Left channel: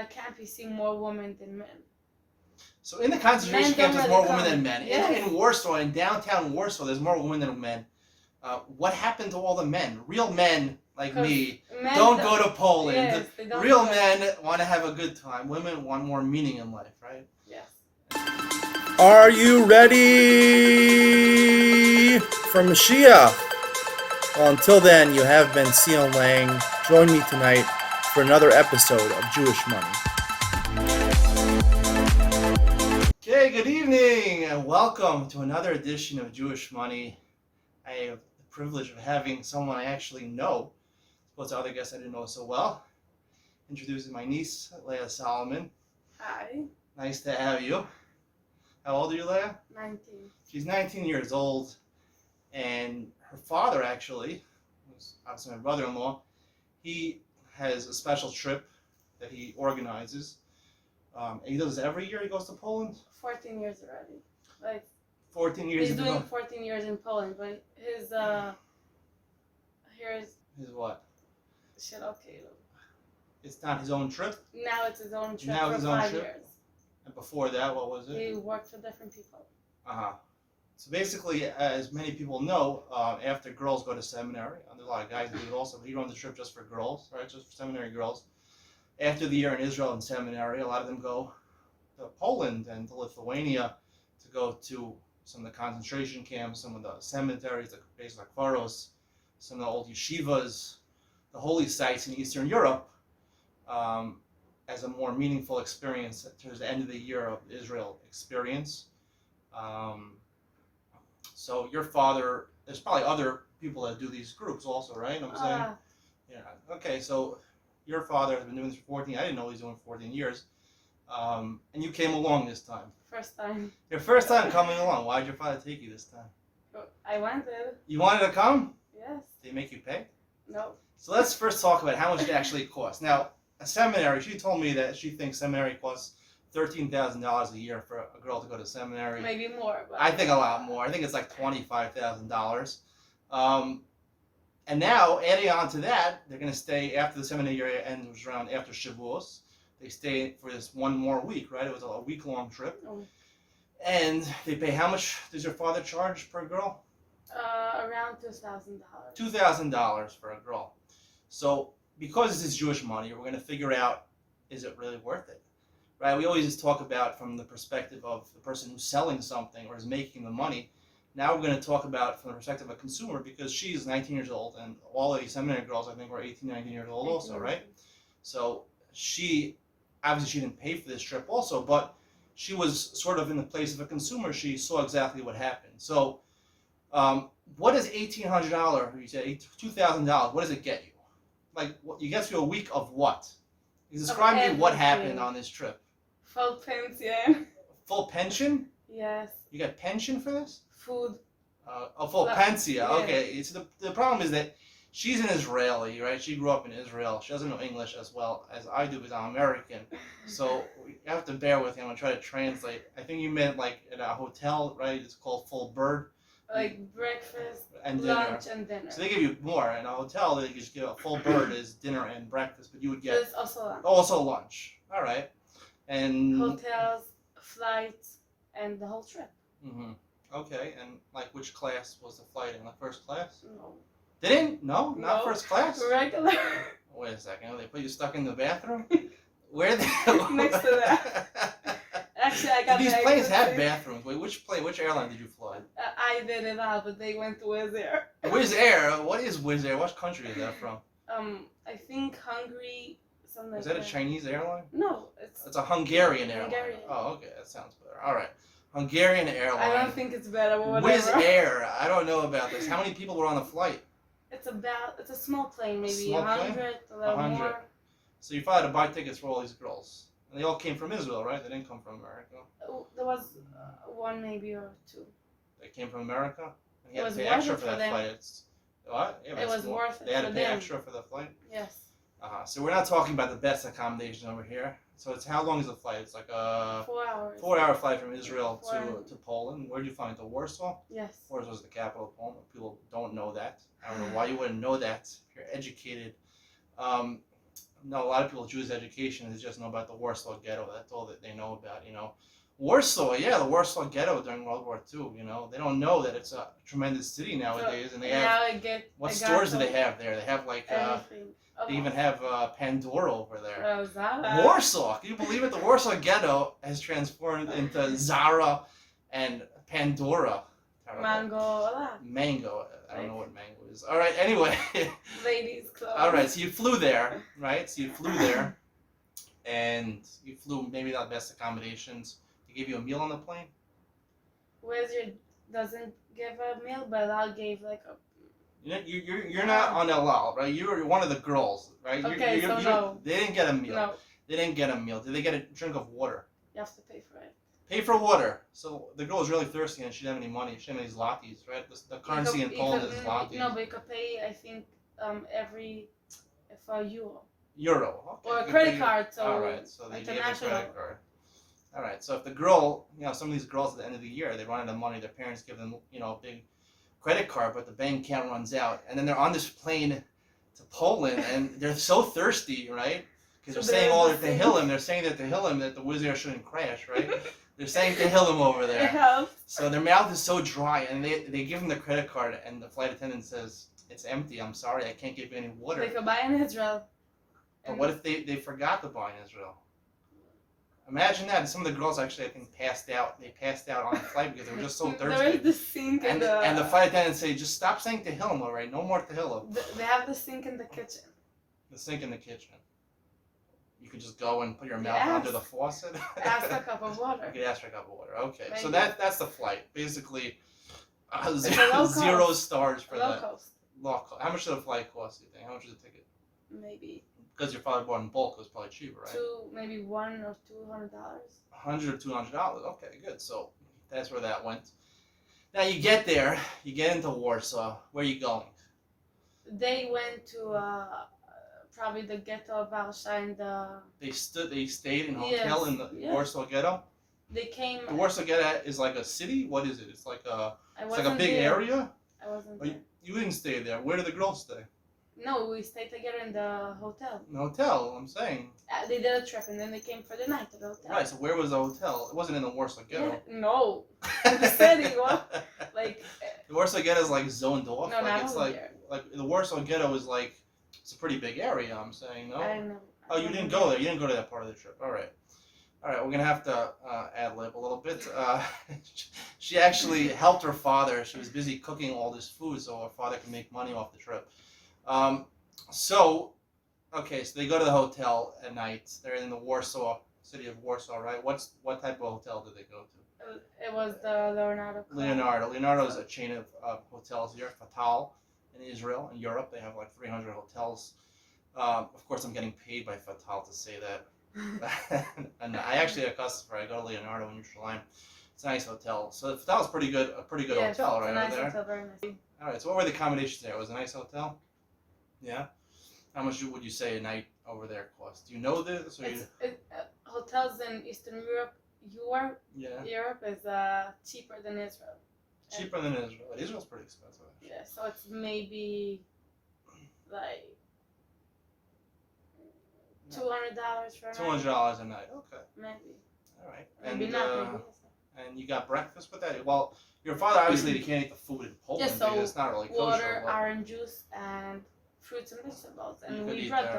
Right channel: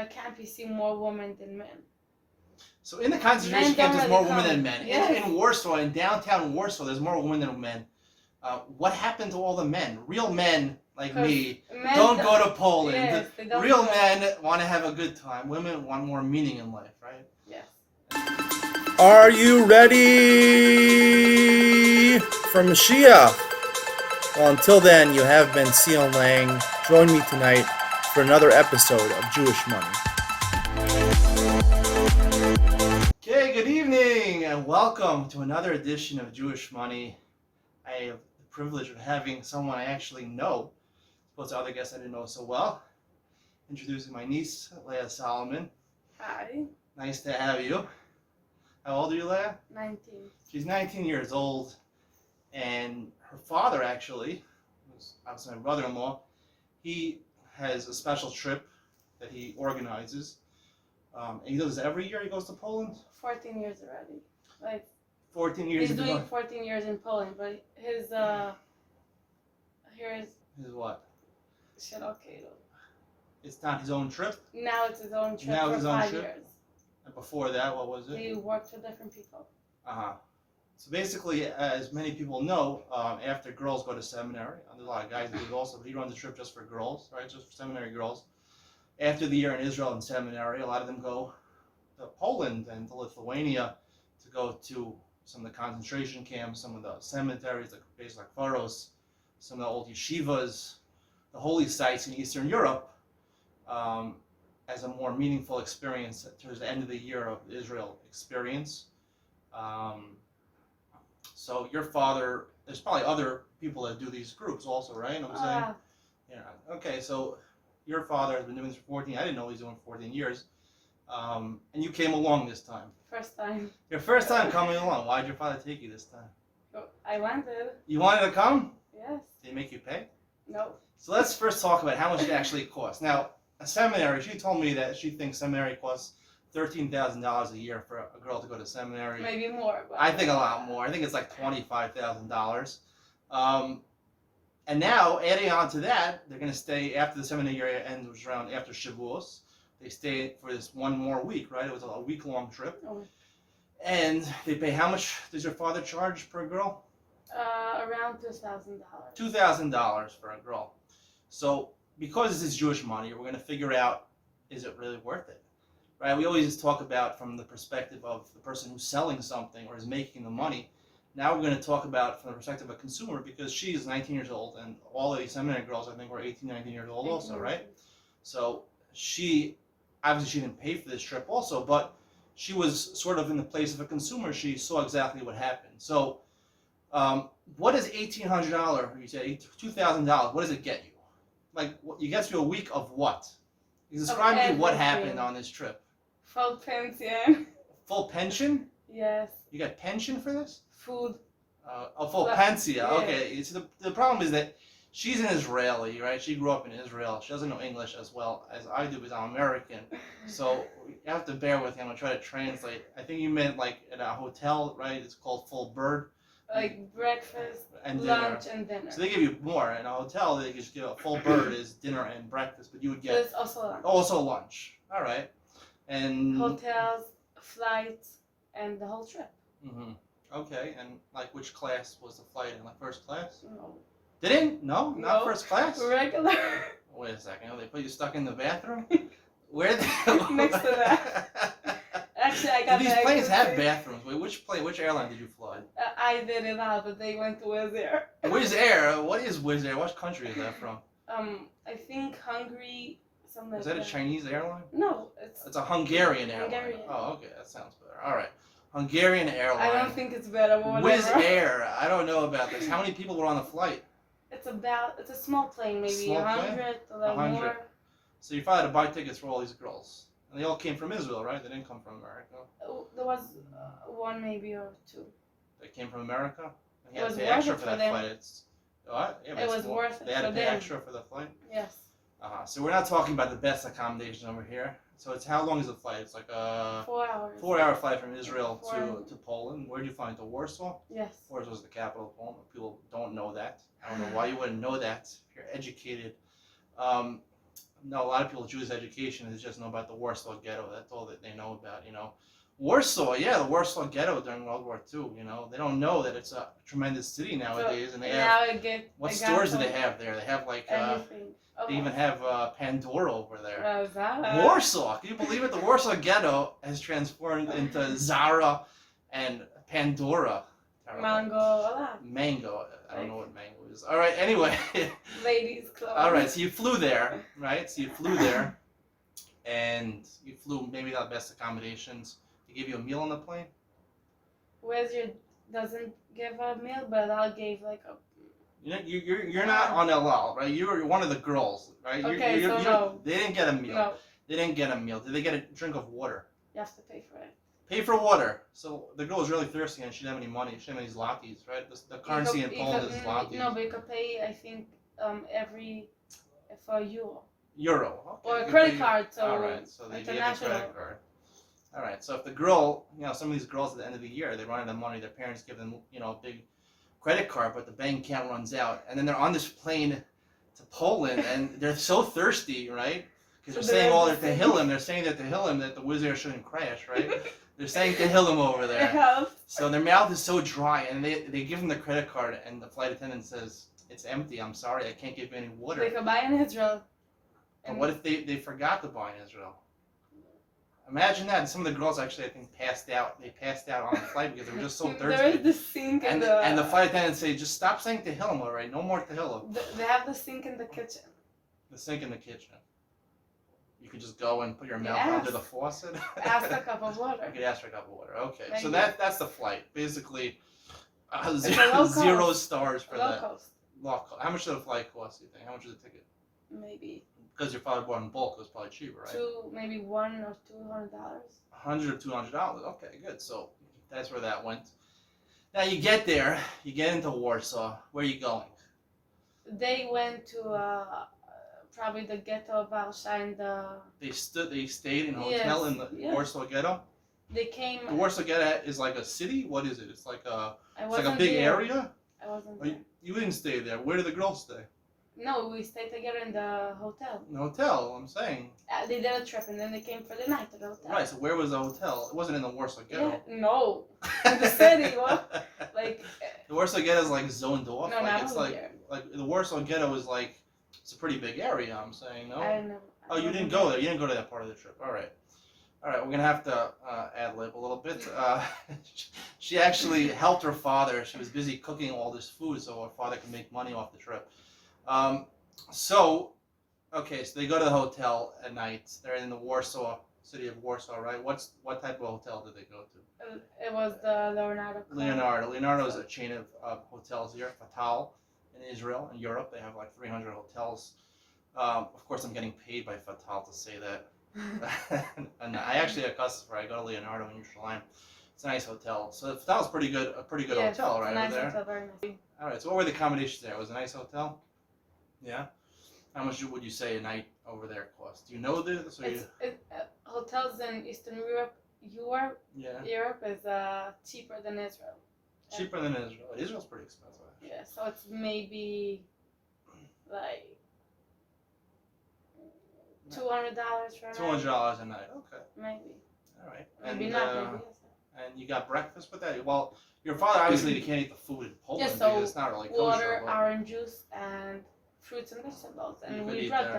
that camp you see more women than men. So in the concentration camp, there's more women than men. Yes. In Warsaw, in downtown Warsaw, there's more women than men. What happened to all the men? Real men like me don't go to Poland. Yes, they don't. Real men want to have a good time. Women want more meaning in life, right? Yes. Are you ready for Mashiach? Well, until then, you have been Sion Lang. Join me tonight for another episode of Jewish Money. Okay, good evening and welcome to another edition of Jewish Money. I have the privilege of having someone I actually know, as opposed to other guests I didn't know so well. Introducing my niece, Leah Solomon. Hi. Nice to have you. How old are you, Leah? 19. She's 19 years old, and her father actually, who's obviously my brother-in-law, he has a special trip that he organizes. And he does this every year. He goes to Poland. 14 years already. Like 14 years. He's doing 14 years in Poland, but his here's his what? Okay. It's not his own trip. Now it's his own trip now for his 5 trip? years. And before that, what was it? He worked for different people. So basically, as many people know, after girls go to seminary, there's a lot of guys do it also, but he runs a trip just for girls, right? Just for seminary girls. After the year in Israel and seminary, a lot of them go to Poland and to Lithuania to go to some of the concentration camps, some of the cemeteries, like places like Faros, some of the old yeshivas, the holy sites in Eastern Europe, as a more meaningful experience towards the end of the year of Israel experience. So your father, there's probably other people that do these groups also, right? You know what I'm saying? Yeah. Okay, so your father has been doing this for 14. I didn't know he was doing 14 years. And you came along this time. First time. Your first time coming along. Why did your father take you this time? I wanted. You wanted to come? Yes. Did he make you pay? No. So let's first talk about how much it actually costs. Now, a seminary, she told me that she thinks seminary costs $13,000 a year for a girl to go to seminary. Maybe more. But I think a lot more. I think it's like $25,000. And now, adding on to that, they're going to stay after the seminary year ends, which is around after Shavuos. They stay for this one more week, right? It was a week-long trip. Oh. And they pay, how much does your father charge per girl? Around $2,000. $2,000 for a girl. So, because this is Jewish money, we're going to figure out, is it really worth it? Right? We always talk about from the perspective of the person who's selling something or is making the money. Now we're going to talk about from the perspective of a consumer, because she's 19 years old, and all the seminary girls, I think, were 18, 19 years old also, right? So she, obviously she didn't pay for this trip also, but she was sort of in the place of a consumer. She saw exactly what happened. So what is $1,800, you say $2,000, what does it get you? Like, you get you a week of what? Describe to me what happened on this trip. Full pension. Full pension? Yes. You got pension for this? Food. Full pensia. Yeah. Okay. So the problem is that she's an Israeli, right? She grew up in Israel. She doesn't know English as well as I do because I'm American. So you have to bear with me. I'm going to try to translate. I think you meant like in a hotel, right? It's called full bird. Like breakfast, and lunch, and dinner. So they give you more. In a hotel, they just give a full bird is dinner and breakfast, but you would get there's also lunch. Also lunch. All right. And hotels, flights, and the whole trip. Mm-hmm. Okay. And like, which class was the flight in? The first class? No. Didn't? No, not first class. Regular. Wait a second. They put you stuck in the bathroom? Where the next to that? Actually, I got these planes have bathrooms. Wait, which airline did you fly? I did it all, but they went to Wizz Air. Wizz Air? What is Wizz Air? What country is that from? I think Hungary. Something. Is that a Chinese airline? No, it's a Hungarian airline. Hungarian. Oh, okay, that sounds better. All right, Hungarian airline. I don't think it's better. But whatever. Wizz Air. I don't know about this. How many people were on the flight? It's a small plane, maybe 100, a little 100. more. So you probably had to buy tickets for all these girls. And they all came from Israel, right? They didn't come from America. There was one maybe or two. They came from America? And it was worth worth it it for them. What? Yeah, it was worth it for them. They had to pay extra for the flight? Yes. So we're not talking about the best accommodations over here. So it's how long is the flight? It's like a 4 hours. 4-hour flight from Israel to Poland. Where do you fly? To Warsaw? Yes. Warsaw is the capital of Poland. People don't know that. I don't know why you wouldn't know that. You're educated. no, a lot of people Jewish education is just know about the Warsaw Ghetto. That's all that they know about. Warsaw, yeah, the Warsaw Ghetto during World War II. They don't know that it's a tremendous city nowadays, and they have. What stores do they have there? They have like. Everything. They even have Pandora over there. Oh, that. Warsaw, can you believe it? The Warsaw Ghetto has transformed into Zara and Pandora. Mango. Mango. I don't know what mango is. All right. Anyway. Ladies' clothes. All right. So you flew there, right? And you flew maybe not the best accommodations. They give you a meal on the plane. Doesn't give a meal, but I'll give like a. You're not on El Al, right? You're one of the girls, right? Okay, no. They didn't get a meal. No. They didn't get a meal. Did they get a drink of water? You have to pay for it. Pay for water. So the girl was really thirsty and she didn't have any money. She didn't have any zlotys, right? The currency in Poland is zlotys. No, but you could pay, I think, for euro. Euro. Okay. Or a credit card, so all right, so they gave a international. credit card. All right, so if the girl, some of these girls at the end of the year, they run out of money. Their parents give them, a big credit card, but the bank account runs out, and then they're on this plane to Poland, and they're so thirsty, right? Because they're saying all that Tehillim. They're saying that Tehillim that the Wizz Air shouldn't crash, right? They're saying Tehillim over there. It helps. So their mouth is so dry, and they give them the credit card, and the flight attendant says, "It's empty. I'm sorry, I can't give you any water." They could buy in Israel. But what if they forgot to buy in Israel? Imagine that. Some of the girls actually, I think, passed out. They passed out on the flight because they were just so thirsty. There is the sink and the flight attendant say, "Just stop saying Tehillim, all right? No more Tehillim." They have the sink in the kitchen. The sink in the kitchen. You could just go and put your mouth under the faucet. Ask a cup of water. You could ask for a cup of water. Okay, Maybe. so that's the flight. Basically, zero stars for low that. cost. Low cost. How much did the flight cost? You think? How much was the ticket? Maybe. Because your father bought in bulk, it was probably cheaper, right? Maybe $100 or $200. $100, $200. Okay, good. So that's where that went. Now you get there, you get into Warsaw. Where are you going? They went to probably the ghetto of Warsaw and They stayed in a hotel in the Warsaw Ghetto. They came. The Warsaw Ghetto is like a city. What is it? It's like a big there. area. I wasn't there. You didn't stay there. Where did the girls stay? No, we stayed together in the hotel. The hotel. I'm saying. They did a trip and then they came for the night to the hotel. Right. So where was the hotel? It wasn't in the Warsaw Ghetto. Yeah, no, in the city. What? Like. The Warsaw Ghetto is like zoned off. No, like it's like the Warsaw Ghetto is like it's a pretty big area. I'm saying no. I know. Oh, you didn't go there. You didn't go to that part of the trip. All right. We're gonna have to ad-lib a little bit. She actually helped her father. She was busy cooking all this food so her father could make money off the trip. So they go to the hotel at night. They're in the city of Warsaw, right? What type of hotel did they go to? It was the Leonardo Club. Leonardo is a chain of hotels here, Fatal, in Israel and Europe. They have like 300 hotels. Of course, I'm getting paid by Fatal to say that. And I actually a customer. I go to Leonardo in Jerusalem. It's a nice hotel. So Fatal's a pretty good hotel, right? It's a nice there. hotel, very nice. All right. So what were the accommodations there? It was a nice hotel. Yeah. How much would you say a night over there cost? Do you know this? Hotels in Eastern Europe. Europe is cheaper than Israel. Cheaper than Israel. Israel's pretty expensive. Yeah, so it's maybe like $200 for a night. $200 a night. Okay. Maybe. All right. Maybe not. Maybe. And you got breakfast with that? Well, your father obviously you can't eat the food in Poland because it's not really kosher. Water, orange juice, and fruits and vegetables, and we brought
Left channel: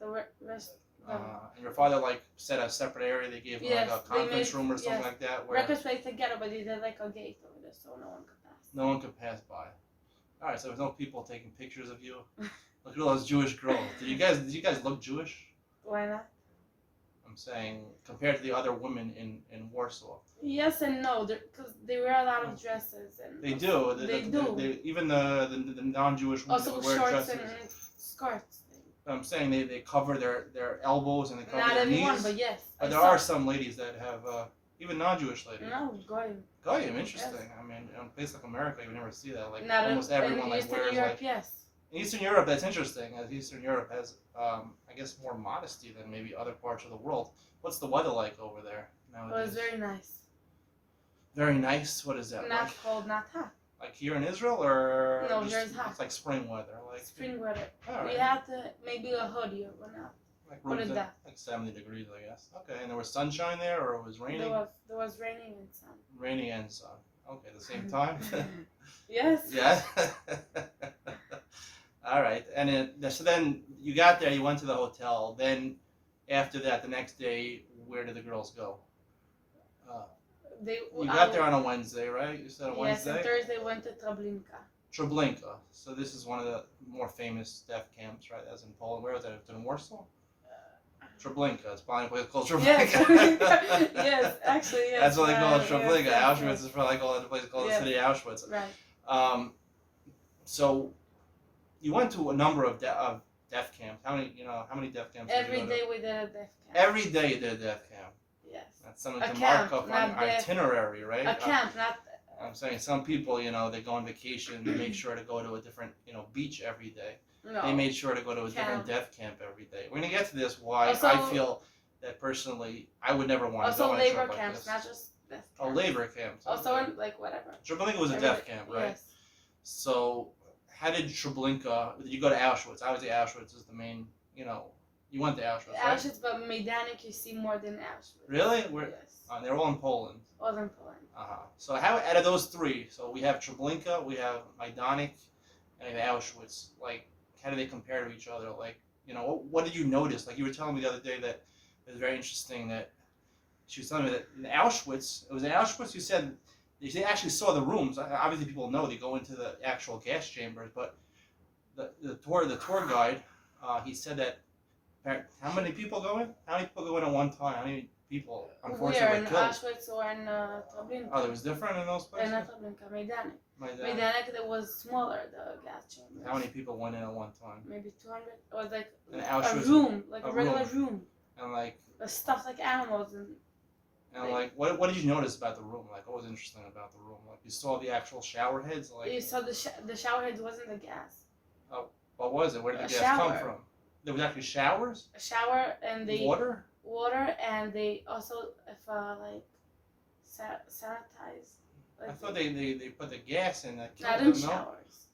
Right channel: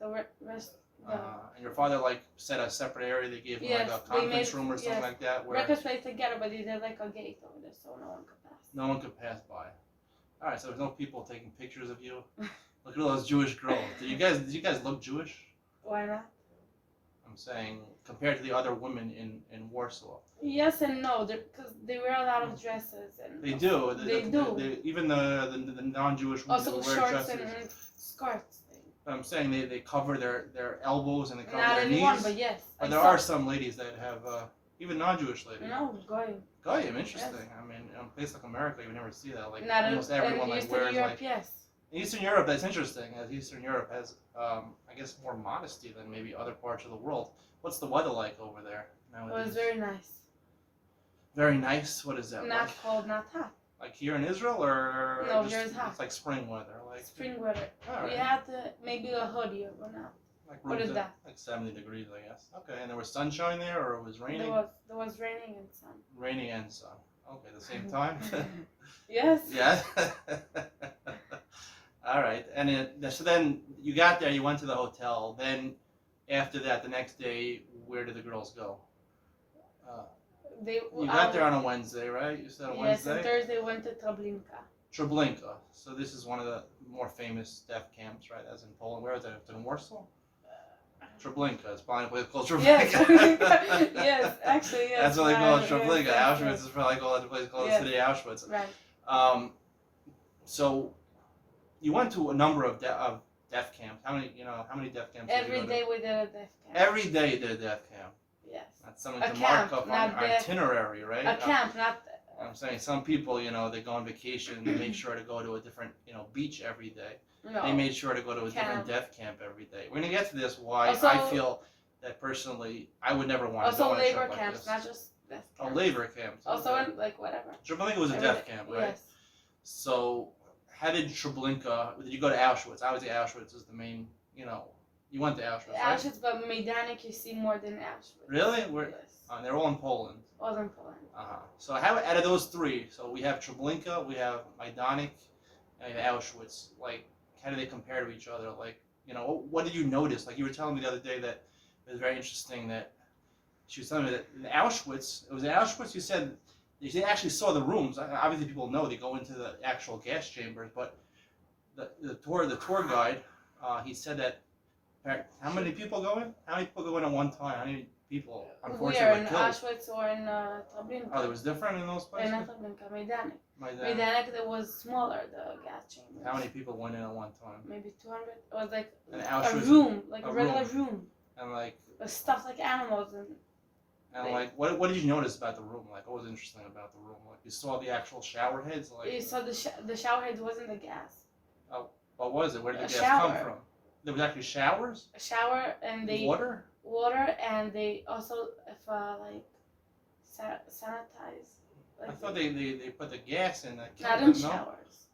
the rest. And your father set a separate area. They gave him like a conference room or something like that. Where breakfast place together, but they did like a gate over there, so no one could pass. No one could pass by. All right, so there's no people taking pictures of you. Look at all those Jewish girls. Did you guys look Jewish? Why not? I'm saying compared to the other women in Warsaw. Yes and no, because they wear a lot of dresses and. They do. They even the non-Jewish women also wear shorts dresses. and skirts. I'm saying they cover their elbows and they cover not their everyone, knees. But yes. But there are some ladies that have even non-Jewish ladies. No, goyim. Goyim, interesting. Yes. I mean, in a place like America, you never see that. Like not almost everyone in Eastern wears Europe, yes. In Eastern Europe, that's interesting. As Eastern Europe has, I guess, more modesty than maybe other parts of the world. What's the weather like over there nowadays? It was very nice. Very nice. What is that? Not cold, not hot. Like here in Israel, or No, just, here's hot. it's like spring weather, like Spring weather. all We right. had to maybe a hoodie or not. Like What is that? Like 70 degrees, I guess. Okay, and there was sunshine there, or it was raining? There was raining and sun. Raining and sun. Okay, at the same time. Yes. Yeah. All right, and so then you got there, you went to the hotel. Then after that, the next day, where did the girls go? You got there on a Wednesday, right? You said a Wednesday? Yes, and Thursday went to Treblinka. Treblinka. So this is one of the more famous deaf camps, right? As in Poland. Where was that? In Warsaw? Treblinka. It's probably a place called Treblinka. Yes, yes, actually, yes. That's what they call it, Treblinka. Yes, Auschwitz yes. is probably called a place called Yes. the city of Auschwitz. Right. So you went to a number of deaf camps. How many deaf camps? Every day we did a deaf camp. Every day you did a deaf camp. Yes. That's something A to camp, mark up not on our deaf. itinerary, right? A camp, not. I'm saying some people, they go on vacation, they make sure to go to a different, beach every day. No. They made sure to go to a different deaf camp every day. We're gonna get to this. Why I feel that personally, I would never want to go. Also, labor like camps, this. not just deaf camps. Oh, labor camps. Also, in, like whatever. Treblinka was a deaf camp, right? Yes. So, how did Treblinka? Did you go to Auschwitz? Obviously, Auschwitz is the main. You went to Auschwitz. Auschwitz, right? but Majdanek you see more than Auschwitz. Really? Yes. They're all in Poland. All in Poland. So how out of those three? So we have Treblinka, we have Majdanek, and we have Auschwitz. Like, how do they compare to each other? Like, what did you notice? Like you were telling me the other day that it was very interesting that she was telling me that in Auschwitz, it was in Auschwitz. You said they actually saw the rooms. Obviously, people know they go into the actual gas chambers, but the tour guide, he said that. How many people go in? How many people go in at one time? How many people, unfortunately, Where in killed? Auschwitz or in Treblinka? Oh, there was different in those places? In Treblinka, Majdanek. Majdanek. Majdanek, that was smaller, the gas chamber. How many people went in at one time? Maybe 200. It was like And a Auschwitz, room, like a a regular room. And like, Stuff like animals and. what did you notice about the room? Like, what was interesting about the room? Like, you saw the actual shower heads. Like, You saw the shower heads wasn't the gas. What was it? Where did the gas shower. come from? There was actually showers. A shower and they. Water, and they also sanitize. I thought they put the gas in that. Not in showers.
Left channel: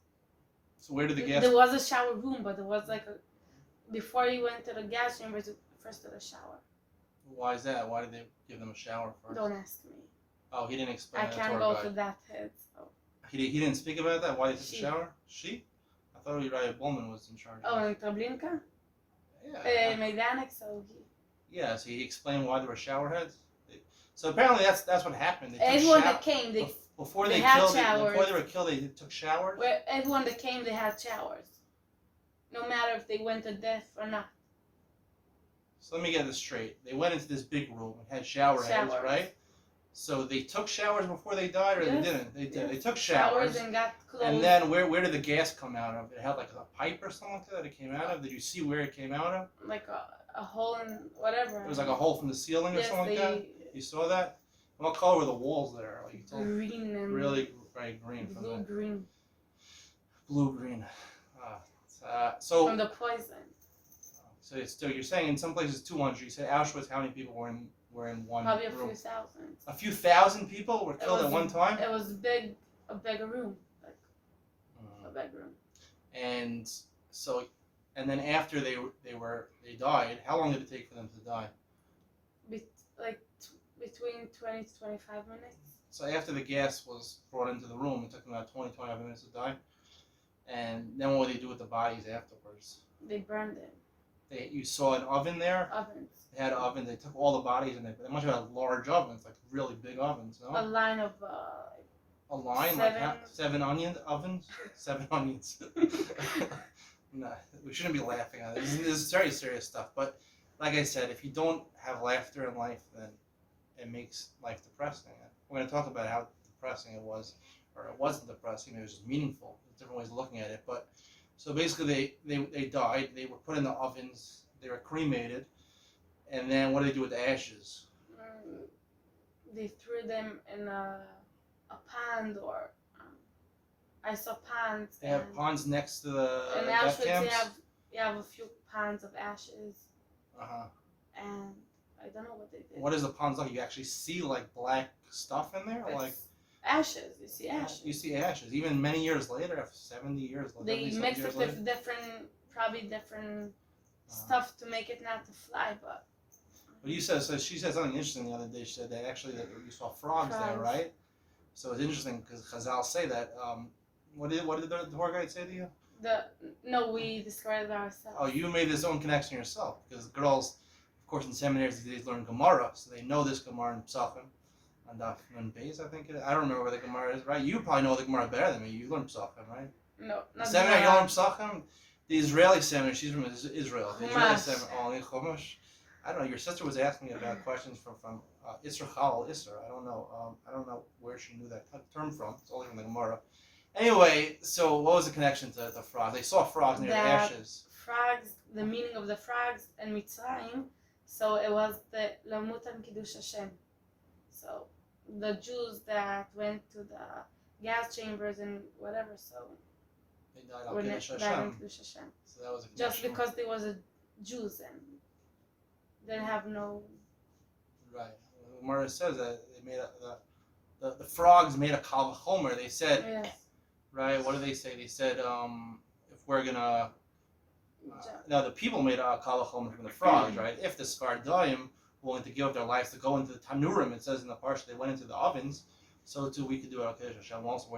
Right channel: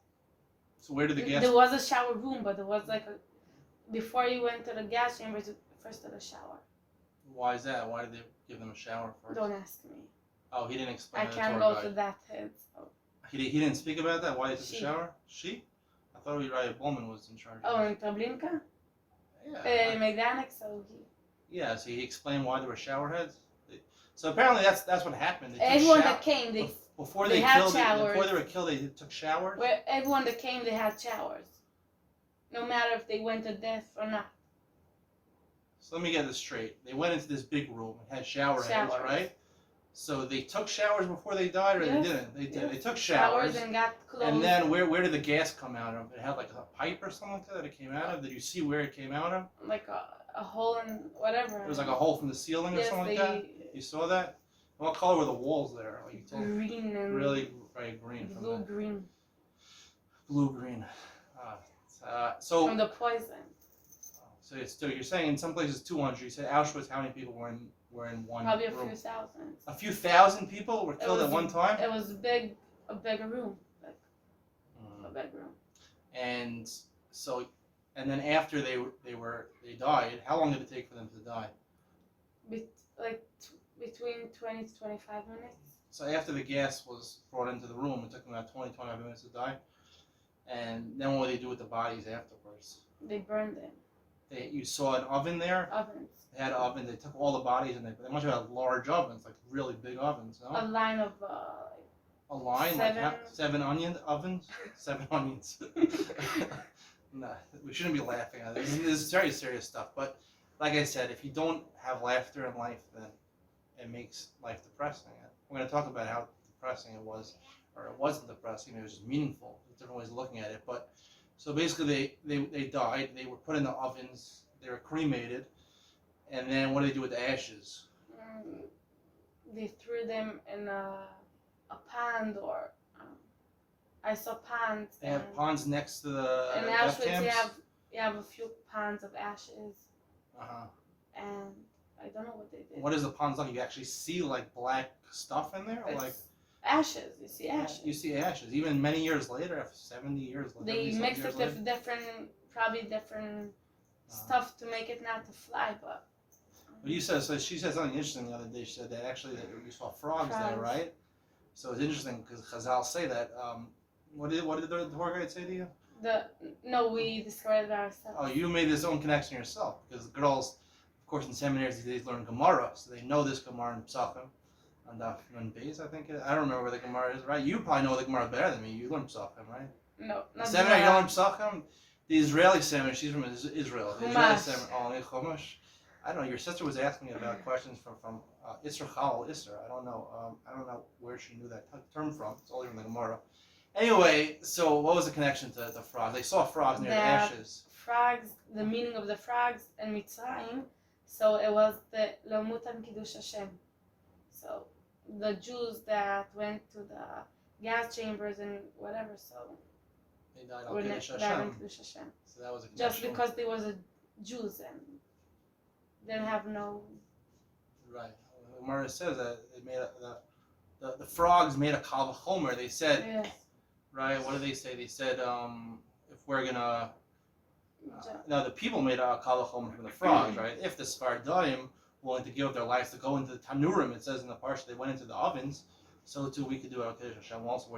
So where did the gas? There was a shower room, but there was before you went to the gas chambers, first to the shower. Why is that? Why did they give them a shower first? Don't ask me. Oh, he didn't explain. I can't go to that head. So. He didn't speak about that. Why they took the She. shower? She? I thought Raya Bowman was in charge. Oh, in Treblinka? Yeah. Majdanek, so he. Yeah, so he explained why there were shower heads. So apparently that's what happened. Everyone that came, before they they had killed showers. before they were killed, they took showers. Everyone that came, they had showers. No matter if they went to death or not. So let me get this straight. They went into this big room and had shower heads, right? So they took showers before they died, or they didn't? They did. They took showers and got clothes. And then where did the gas come out of? It had like a pipe or something like that it came out of? Did you see where it came out of? Like a hole in whatever. It was like a hole from the ceiling or something like that? You saw that? What color were the walls there? Like you told me? Green and really bright green. Blue-green. Blue-green. So from the poison. So it's still, you're saying in some places 200. You said Auschwitz, how many people were in one Probably room? a few thousand. A few thousand people were killed at one time? It was a big room. Like a big room. And so, and then after they died, how long did it take for them to die? Between 20 to 25 minutes. So after the gas was brought into the room, it took them about 20, 25 minutes to die. And then what would they do with the bodies afterwards? They burned them. You saw an oven there? Ovens. They had ovens. They took all the bodies and they must have had large ovens, like really big ovens, no? A line of a line? Seven onion ovens? 7 onions. No, we shouldn't be laughing at it. This is very serious stuff. But like I said, if you don't have laughter in life, then it makes life depressing. We're going to talk about how depressing it was, or it wasn't depressing. It was just meaningful. There's different ways of looking at it. But so basically, they died. They were put in the ovens. They were cremated, and then what do they do with the ashes? They threw them in a pond, or I saw ponds. They have ponds next to the in death Auschwitz, camps? you have a few ponds of ashes. And I don't know what they did. What is the ponds like? You actually see like black stuff in there, like ashes. You see ashes. You see ashes. Even many years later, 70 years later. They mix it with probably different stuff to make it not to fly, but. But you said, so she said something interesting the other day. She said that actually that you saw frogs there, right? So it's interesting because Chazal say that. What did the tour guide say to you? No, we discovered it ourselves. Oh, you made this own connection yourself because girls, of course, in seminaries they learn Gemara, so they know this Gemara in Psachim, and Nun Beis, I think it is. I don't know where the Gemara is, right? You probably know the Gemara better than me. You learn Psachim, right? No, not the seminary. You don't learn Psachim. The Israeli seminary. She's from Israel. The Israeli seminary. Oh, Chumash. I don't know. Your sister was asking me about questions from Isra Chal Isra. I don't know. I don't know where she knew that term from. It's only from the Gemara. Anyway, so what was the connection to the frogs? They saw frogs near the ashes. Frogs, the meaning of the frogs in Mitzrayim, so it was the Lamutan Kiddush Hashem. So the Jews that went to the gas chambers and whatever, so they died on Kiddush Hashem. So that was a connection. Just because they was a Jews and didn't have no. Right. The Gemara says that they made the frogs made a kal v'chomer. They said. Yes. Right, what do they say? They said, if we're gonna, now the people made a kal v'chomer from the frogs, right? If the Sfardim willing to give up their lives to go into the tanurim, it says in the parsha they went into the ovens, so too we could do it on Kiddush Hashem. Also,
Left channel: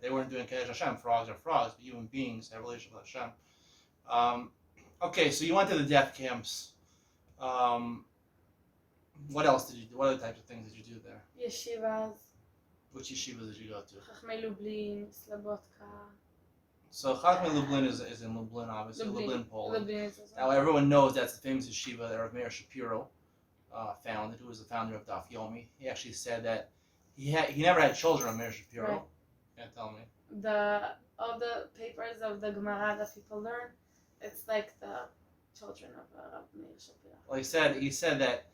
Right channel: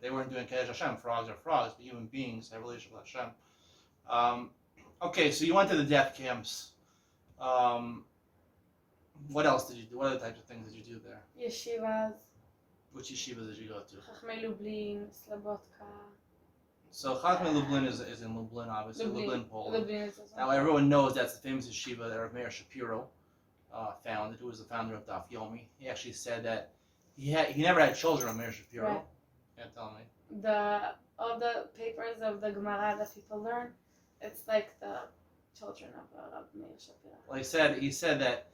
they weren't doing Kiddush Hashem. Frogs are frogs, but human beings have a relationship with Hashem. Okay, so you went to the death camps. What else did you do? What other types of things did you do there? Yeshivas. Which yeshiva did you go to? Chachmei Lublin, Slabotka. So Chachmei Lublin is in Lublin, obviously. Lublin, Poland. Lublin is also now everyone knows that's the famous yeshiva that Rav Meir Shapiro founded, who was the founder of Daf Yomi. He actually said that he never had children, Rav Meir Shapiro. Right. Can't tell me. All the papers of the Gemara that people learn, it's like the children of Rav Meir Shapiro. Well, he said that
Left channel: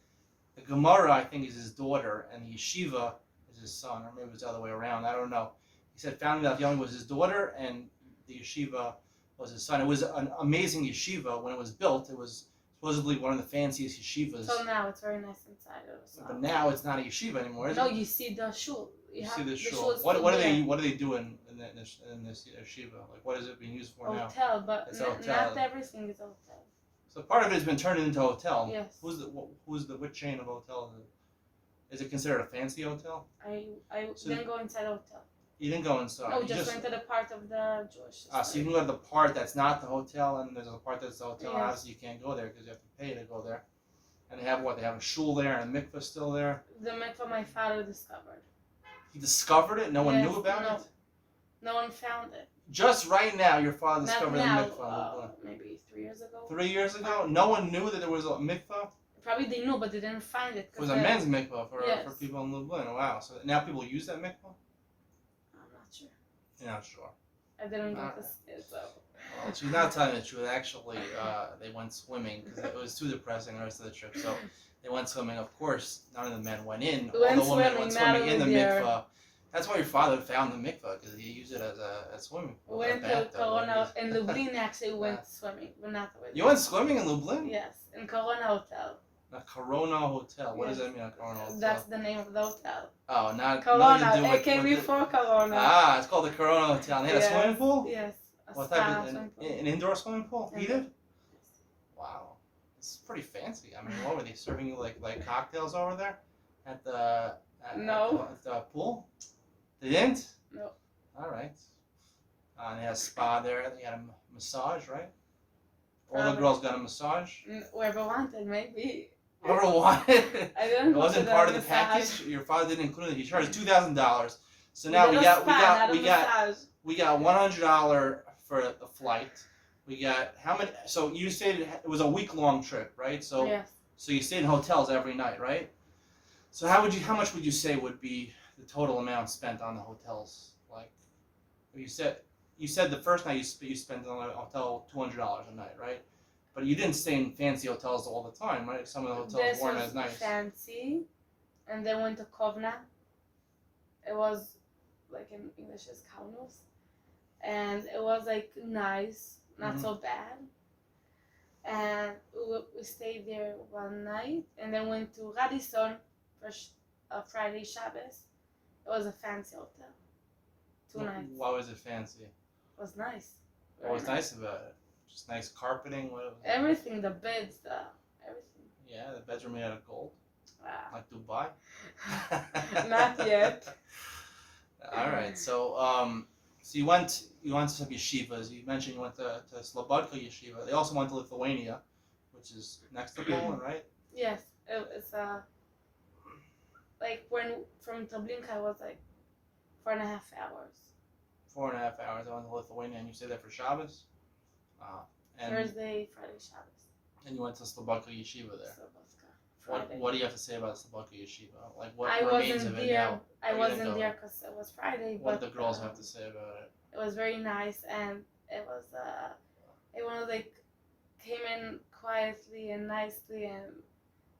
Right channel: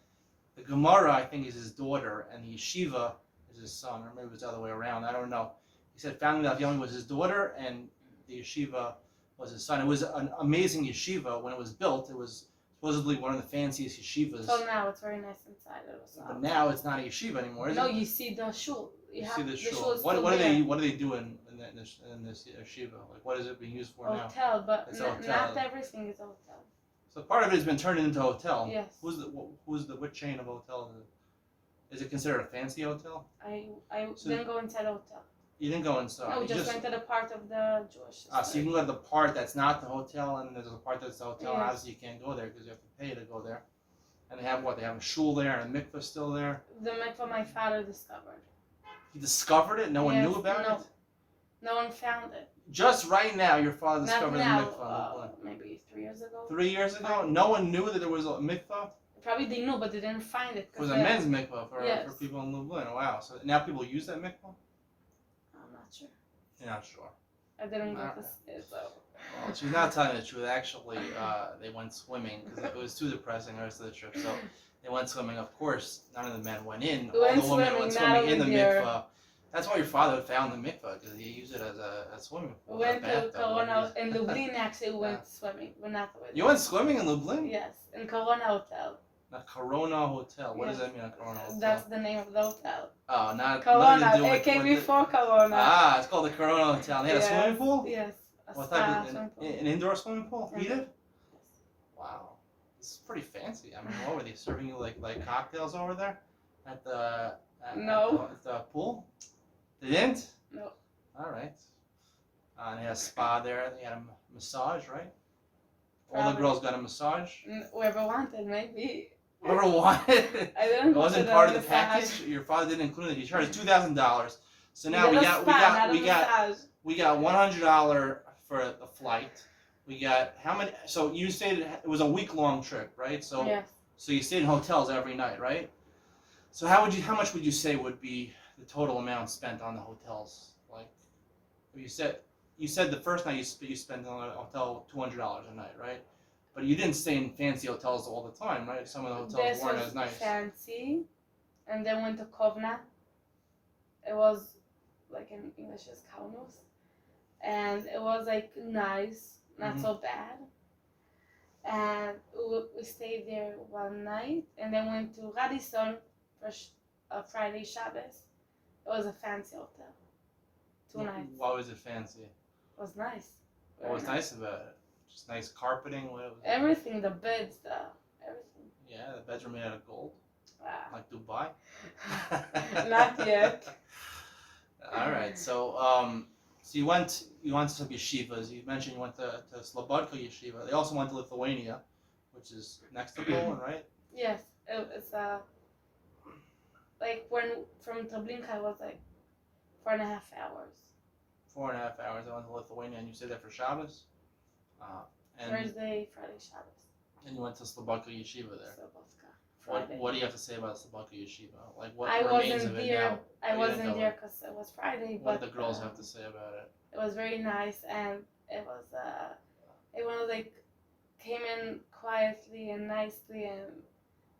the Gemara, I think, is his daughter, and the yeshiva is his son, or maybe it was the other way around. I don't know. He said founding Daf Yomi was his daughter, and the yeshiva was his son. It was an amazing yeshiva when it was built. It was supposedly one of the fanciest yeshivas. So now it's very nice inside. But now it's not a yeshiva anymore, is it? No, you see the shul. You see the shul. What do they do in this yeshiva? Like, what is it being used for now? Hotel, but not everything is a hotel. So part of it has been turned into a hotel. Yes. What chain of hotel is it? Is it considered a fancy hotel? I didn't go inside the hotel. You didn't go inside? No, we just went to the part of the Jewish. So you can go to the part that's not the hotel, and then there's a part that's the hotel. Yes. Obviously, you can't go there because you have to pay to go there. And they have what? They have a shul there and a mikveh still there? The mikveh my father discovered. He discovered it? No one knew about it? No one found it. Just right now, your father discovered a mikveh. Maybe 3 years ago. 3 years ago? No one knew that there was a mikveh? Probably they knew, but they didn't find it. It was a men's mikveh for people in Lublin. Wow. So now people use that mikveh? I'm not sure. You're not sure? I didn't go to see it, so. Well, she's not telling the truth. Actually, they went swimming because it was too depressing the rest of the trip. So they went swimming. Of course, none of the men went in. All the women went swimming in the mikveh. That's why your father found the mikveh, because he used it as a swimming pool. We went to Corona in Lublin. Actually, we went swimming, but not the way. You went swimming in Lublin? Yes, in Corona Hotel. A Corona Hotel. What does that mean, a Corona Hotel? That's the name of the hotel. Oh, not Corona. It came before Corona. Ah, it's called the Corona Hotel. And they had a swimming pool? Yes. What type of an indoor swimming pool? Heated? Yes. Wow, this is pretty fancy. I mean, what were they serving you like cocktails over there at the pool? They didn't? No. All right. And they had a spa there. They had a massage, right? All the girls got a massage? Whoever wanted, maybe. Whoever wanted? I didn't. It wasn't part of the package? Your father didn't include it. He charged $2,000. So now we got $100 for the flight. We got how many? So you stayed. It was a week-long trip, right? So yes. So you stayed in hotels every night, right? So how much would you say would be the total amount spent on the hotels? Like, you said the first night you spent on a hotel $200 a night, right? But you didn't stay in fancy hotels all the time, right? Some of the hotels weren't as nice. Fancy, and then went to Kovna. It was like in English is Kaunos, and it was like nice, not so bad. And we stayed there one night, and then went to Radisson for Friday Shabbos, It was a fancy hotel. 2 nights. Why was it fancy? It was nice. What was Very nice about it? Just nice carpeting? What was it? Everything, the beds, everything. Yeah, the beds were made out of gold. Wow. Like Dubai? Not yet. All right. So you went to some yeshivas. You mentioned you went to Slobodka yeshiva. They also went to Lithuania, which is next to Poland, right? Yes, it's like when from Treblinka it was like 4.5 hours. 4.5 hours. I went to Lithuania, and you stayed there for Shabbos. And Thursday, Friday, Shabbos. And you went to Slobodka yeshiva there. Slobodka. Friday. What do you have to say about Slobodka yeshiva? Like what I remains wasn't of it there. now? I wasn't there because it was Friday. What but do the girls have to say about it? It was very nice, and it was everyone like came in quietly and nicely, and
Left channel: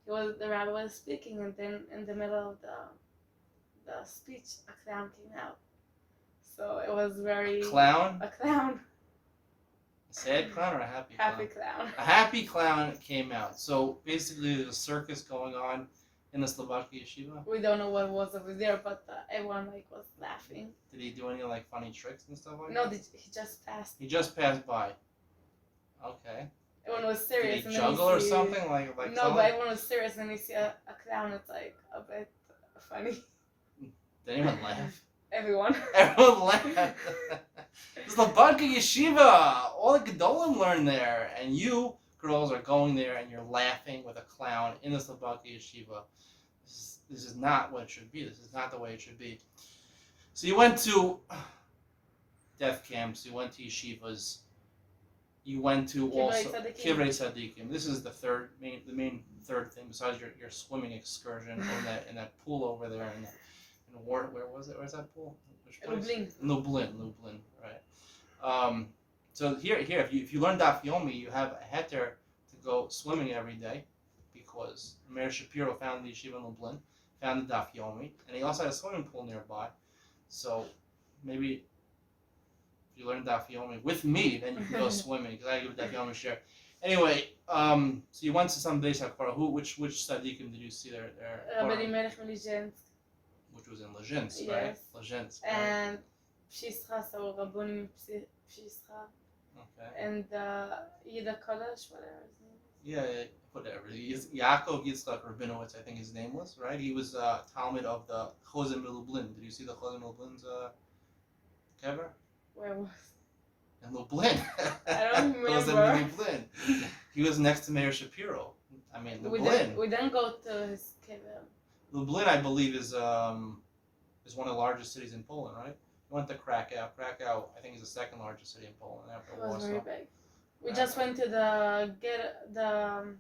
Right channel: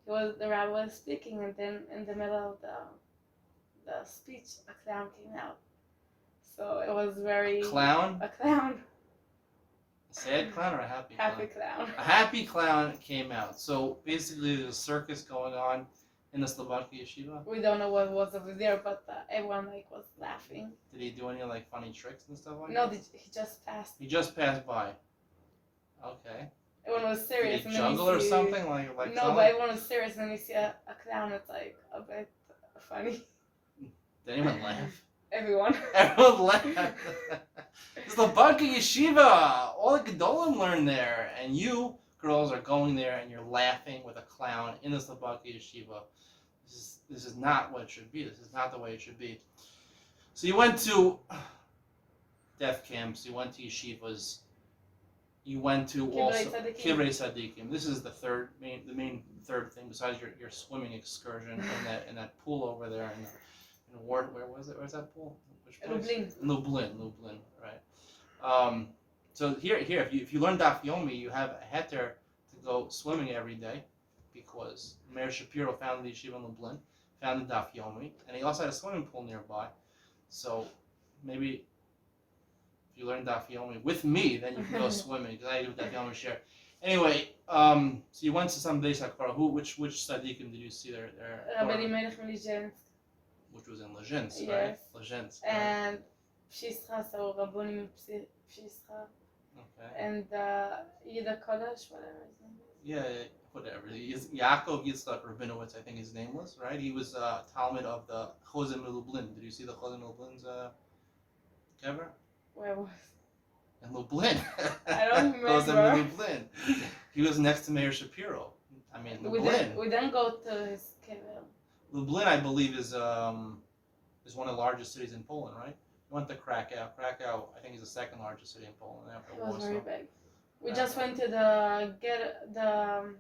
the rabbi was speaking, and then in the middle of the speech, a clown came out. So it was very A clown? A clown. A sad clown or a happy clown? Happy clown. A happy clown came out. So basically, there's a circus going on in the Slobodka yeshiva. We don't know what was over there, but everyone like was laughing. Did he do any like funny tricks and stuff like No, that? he just passed. He just passed by. Okay. Everyone was serious. Did he and then juggle or you see, something like no, something? but everyone was serious, and then you see a clown. It's like a bit funny. Did anyone laugh? Everyone. Everyone laughed. It's the Slobodka yeshiva. All the Gedolim learned there, and you girls are going there and you're laughing with a clown in the Slobodka yeshiva. This is not what it should be. This is not the way it should be. So you went to death camps. You went to yeshivas. You went to also Kivrei Tzadikim. This is the main third thing besides your swimming excursion in that pool over there where was it? Where's that pool? Which place? Lublin, right. So here, if you learn Daf Yomi, you have a heter to go swimming every day, because Meir Shapiro founded the yeshiva in Lublin, founded Daf Yomi, and he also had a swimming pool nearby. So maybe if you learn Daf Yomi with me, then you can go swimming, because I give Daf Yomi share. Anyway, so you went to some Beis HaKfar. Which tzaddikim did you see there? Rabbi Melech Melizensk. Which was in Lezhensk, Yes. right? Lezhensk. And Pshischa, so Rabbonim Pshischa. Okay. And Yida Kodesh, whatever his name is. Yeah, whatever. Yaakov Yitzchak Rabinowitz, I think his name was, right? He was Talmud of the Chozim Lublin. Did you see the Chozim Lublin's cover? Where was? In Lublin. I don't remember. Chozim Lublin. He was next to Meir Shapiro. I mean, Lublin. We didn't go to his kever. Lublin, I believe, is one of the largest cities in Poland, right? We went to Krakow. Krakow, I think, is the second largest city in Poland after It was Warsaw. very big. We just went to the ghetto,